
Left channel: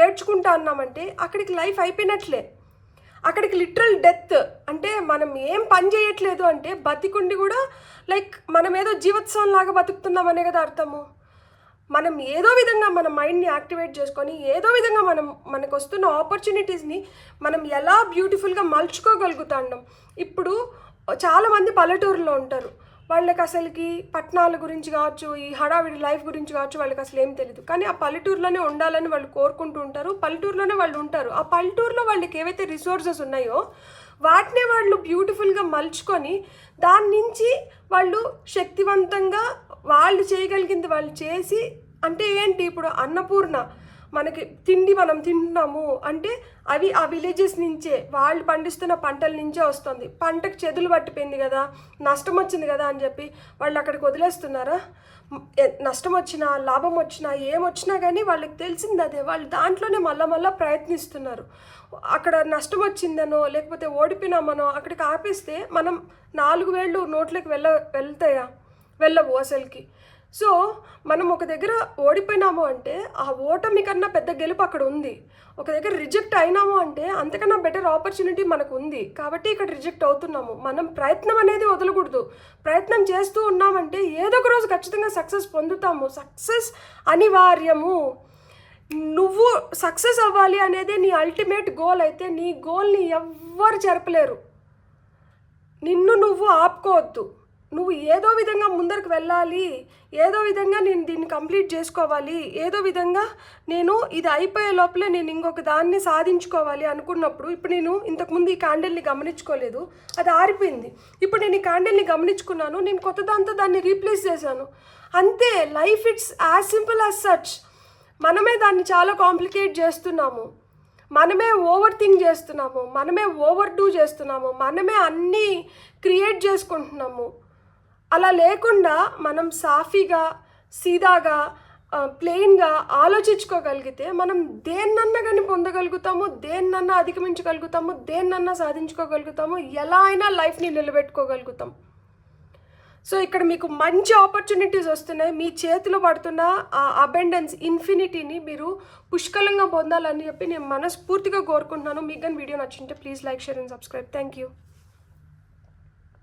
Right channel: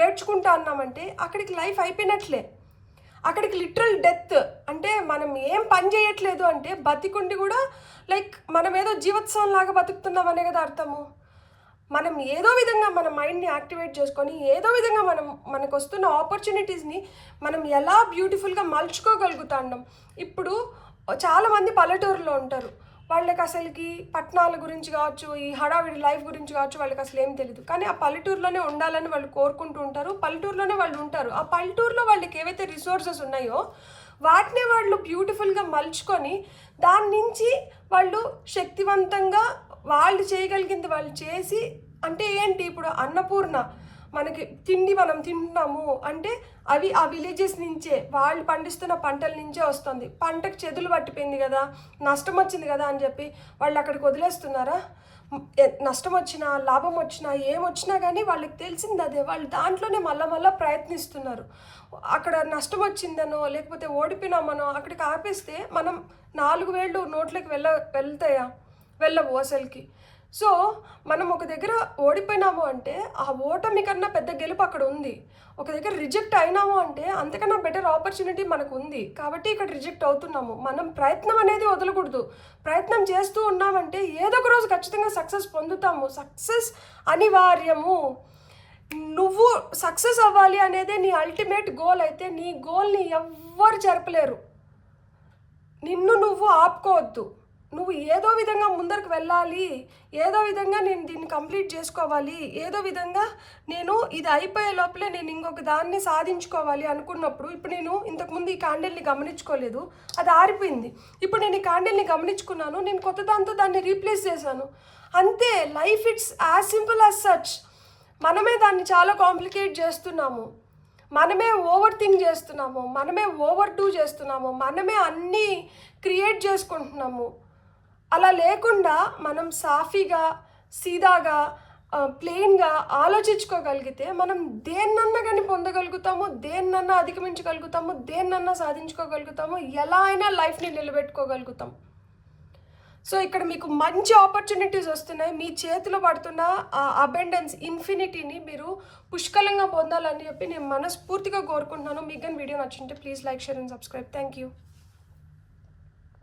ఏడ్చుకుంటా అన్నామంటే అక్కడికి లైఫ్ అయిపోయినట్లే. అక్కడికి లిటరల్ డెత్, అంటే మనం ఏం పని చేయట్లేదు అంటే బతికుండి కూడా లైక్ మనం ఏదో జీవోత్సవం లాగా బతుకుతున్నామనే కదా అర్థము. మనం ఏదో విధంగా మన మైండ్ని యాక్టివేట్ చేసుకొని ఏదో విధంగా మనకు వస్తున్న ఆపర్చునిటీస్ని మనం ఎలా బ్యూటిఫుల్గా మలుచుకోగలుగుతాం. ఇప్పుడు చాలామంది పల్లెటూరులో ఉంటారు, వాళ్ళకి అసలుకి పట్టణాల గురించి కావచ్చు, ఈ హడావిడి లైఫ్ గురించి కావచ్చు వాళ్ళకి అసలు ఏం తెలియదు. కానీ ఆ పల్లెటూరులోనే ఉండాలని వాళ్ళు కోరుకుంటూ ఉంటారు, పల్లెటూరులోనే వాళ్ళు ఉంటారు. ఆ పల్లెటూరులో వాళ్ళకి ఏవైతే రిసోర్సెస్ ఉన్నాయో వాటినే వాళ్ళు బ్యూటిఫుల్గా మలుచుకొని దాని నుంచి వాళ్ళు శక్తివంతంగా వాళ్ళు చేయగలిగింది వాళ్ళు చేసి, అంటే ఏంటి ఇప్పుడు అన్నపూర్ణ మనకి తిండి మనం తింటున్నాము అంటే అవి ఆ విలేజెస్ నుంచే వాళ్ళు పండిస్తున్న పంటల నుంచే వస్తుంది. పంటకు చెదులు పట్టిపోయింది కదా, నష్టం వచ్చింది కదా అని చెప్పి వాళ్ళు అక్కడికి వదిలేస్తున్నారా? నష్టం వచ్చినా లాభం వచ్చినా ఏమొచ్చినా కానీ వాళ్ళకి తెలిసింది అదే, వాళ్ళు దాంట్లోనే మళ్ళా ప్రయత్నిస్తున్నారు. అక్కడ నష్టం వచ్చిందనో లేకపోతే ఓడిపోయినామనో అక్కడికి ఆపేస్తే మనం 4 వేళ్ళు నోట్లోకి వెళ్తాయా? వెళ్ళవు అసలుకి. సో మనం ఒక దగ్గర ఓడిపోయినాము అంటే ఆ ఓటమి కన్నా పెద్ద గెలుపు అక్కడ ఉంది. ఒక దగ్గర రిజెక్ట్ అయినాము అంటే అంతకన్నా బెటర్ ఆపర్చునిటీ మనకు ఉంది కాబట్టి ఇక్కడ రిజెక్ట్ అవుతున్నాము. మనం ప్రయత్నం అనేది వదలకూడదు. ప్రయత్నం చేస్తూ ఉన్నామంటే ఏదో ఒక రోజు ఖచ్చితంగా సక్సెస్ పొందుతాము. సక్సెస్ అనివార్యము. నువ్వు సక్సెస్ అవ్వాలి అనేది నీ అల్టిమేట్ గోల్ అయితే నీ గోల్ని ఎవ్వరు జరపలేరు. నిన్ను నువ్వు ఆపుకోవద్దు. నువ్వు ఏదో విధంగా ముందరకు వెళ్ళాలి, ఏదో విధంగా నేను దీన్ని కంప్లీట్ చేసుకోవాలి, ఏదో విధంగా నేను ఇది అయిపోయే లోపలే నేను ఇంకొక దాన్ని సాధించుకోవాలి అనుకున్నప్పుడు, ఇప్పుడు నేను ఇంతకుముందు ఈ క్యాండిల్ని గమనించుకోలేదు, అది ఆరిపోయింది. ఇప్పుడు నేను ఈ క్యాండిల్ని గమనించుకున్నాను, నేను కొత్త దాంతో దాన్ని రీప్లేస్ చేశాను. అంతే, life it's as simple as such. మనమే దాన్ని చాలా కాంప్లికేట్ చేస్తున్నాము, మనమే ఓవర్ థింక్ చేస్తున్నాము, మనమే ఓవర్ డూ చేస్తున్నాము, మనమే అన్నీ క్రియేట్ చేసుకుంటున్నాము. అలా లేకుండా మనం సాఫీగా, సీదాగా, ప్లెయిన్గా ఆలోచించుకోగలిగితే మనం దేన్నన్నా కానీ పొందగలుగుతాము, దేన్నన్నా అధిగమించగలుగుతాము, దేన్నన్నా సాధించుకోగలుగుతాము, ఎలా అయినా లైఫ్ని నిలబెట్టుకోగలుగుతాం. సో ఇక్కడ మీకు మంచి ఆపర్చునిటీస్ వస్తున్నాయి. మీ చేతిలో పడుతున్న ఆ అబెండెన్స్, ఇన్ఫినిటీని మీరు పుష్కలంగా పొందాలని చెప్పి నేను మనస్ఫూర్తిగా కోరుకుంటున్నాను. మీకు కానీ వీడియో నచ్చింటే please like, share and subscribe. Thank you.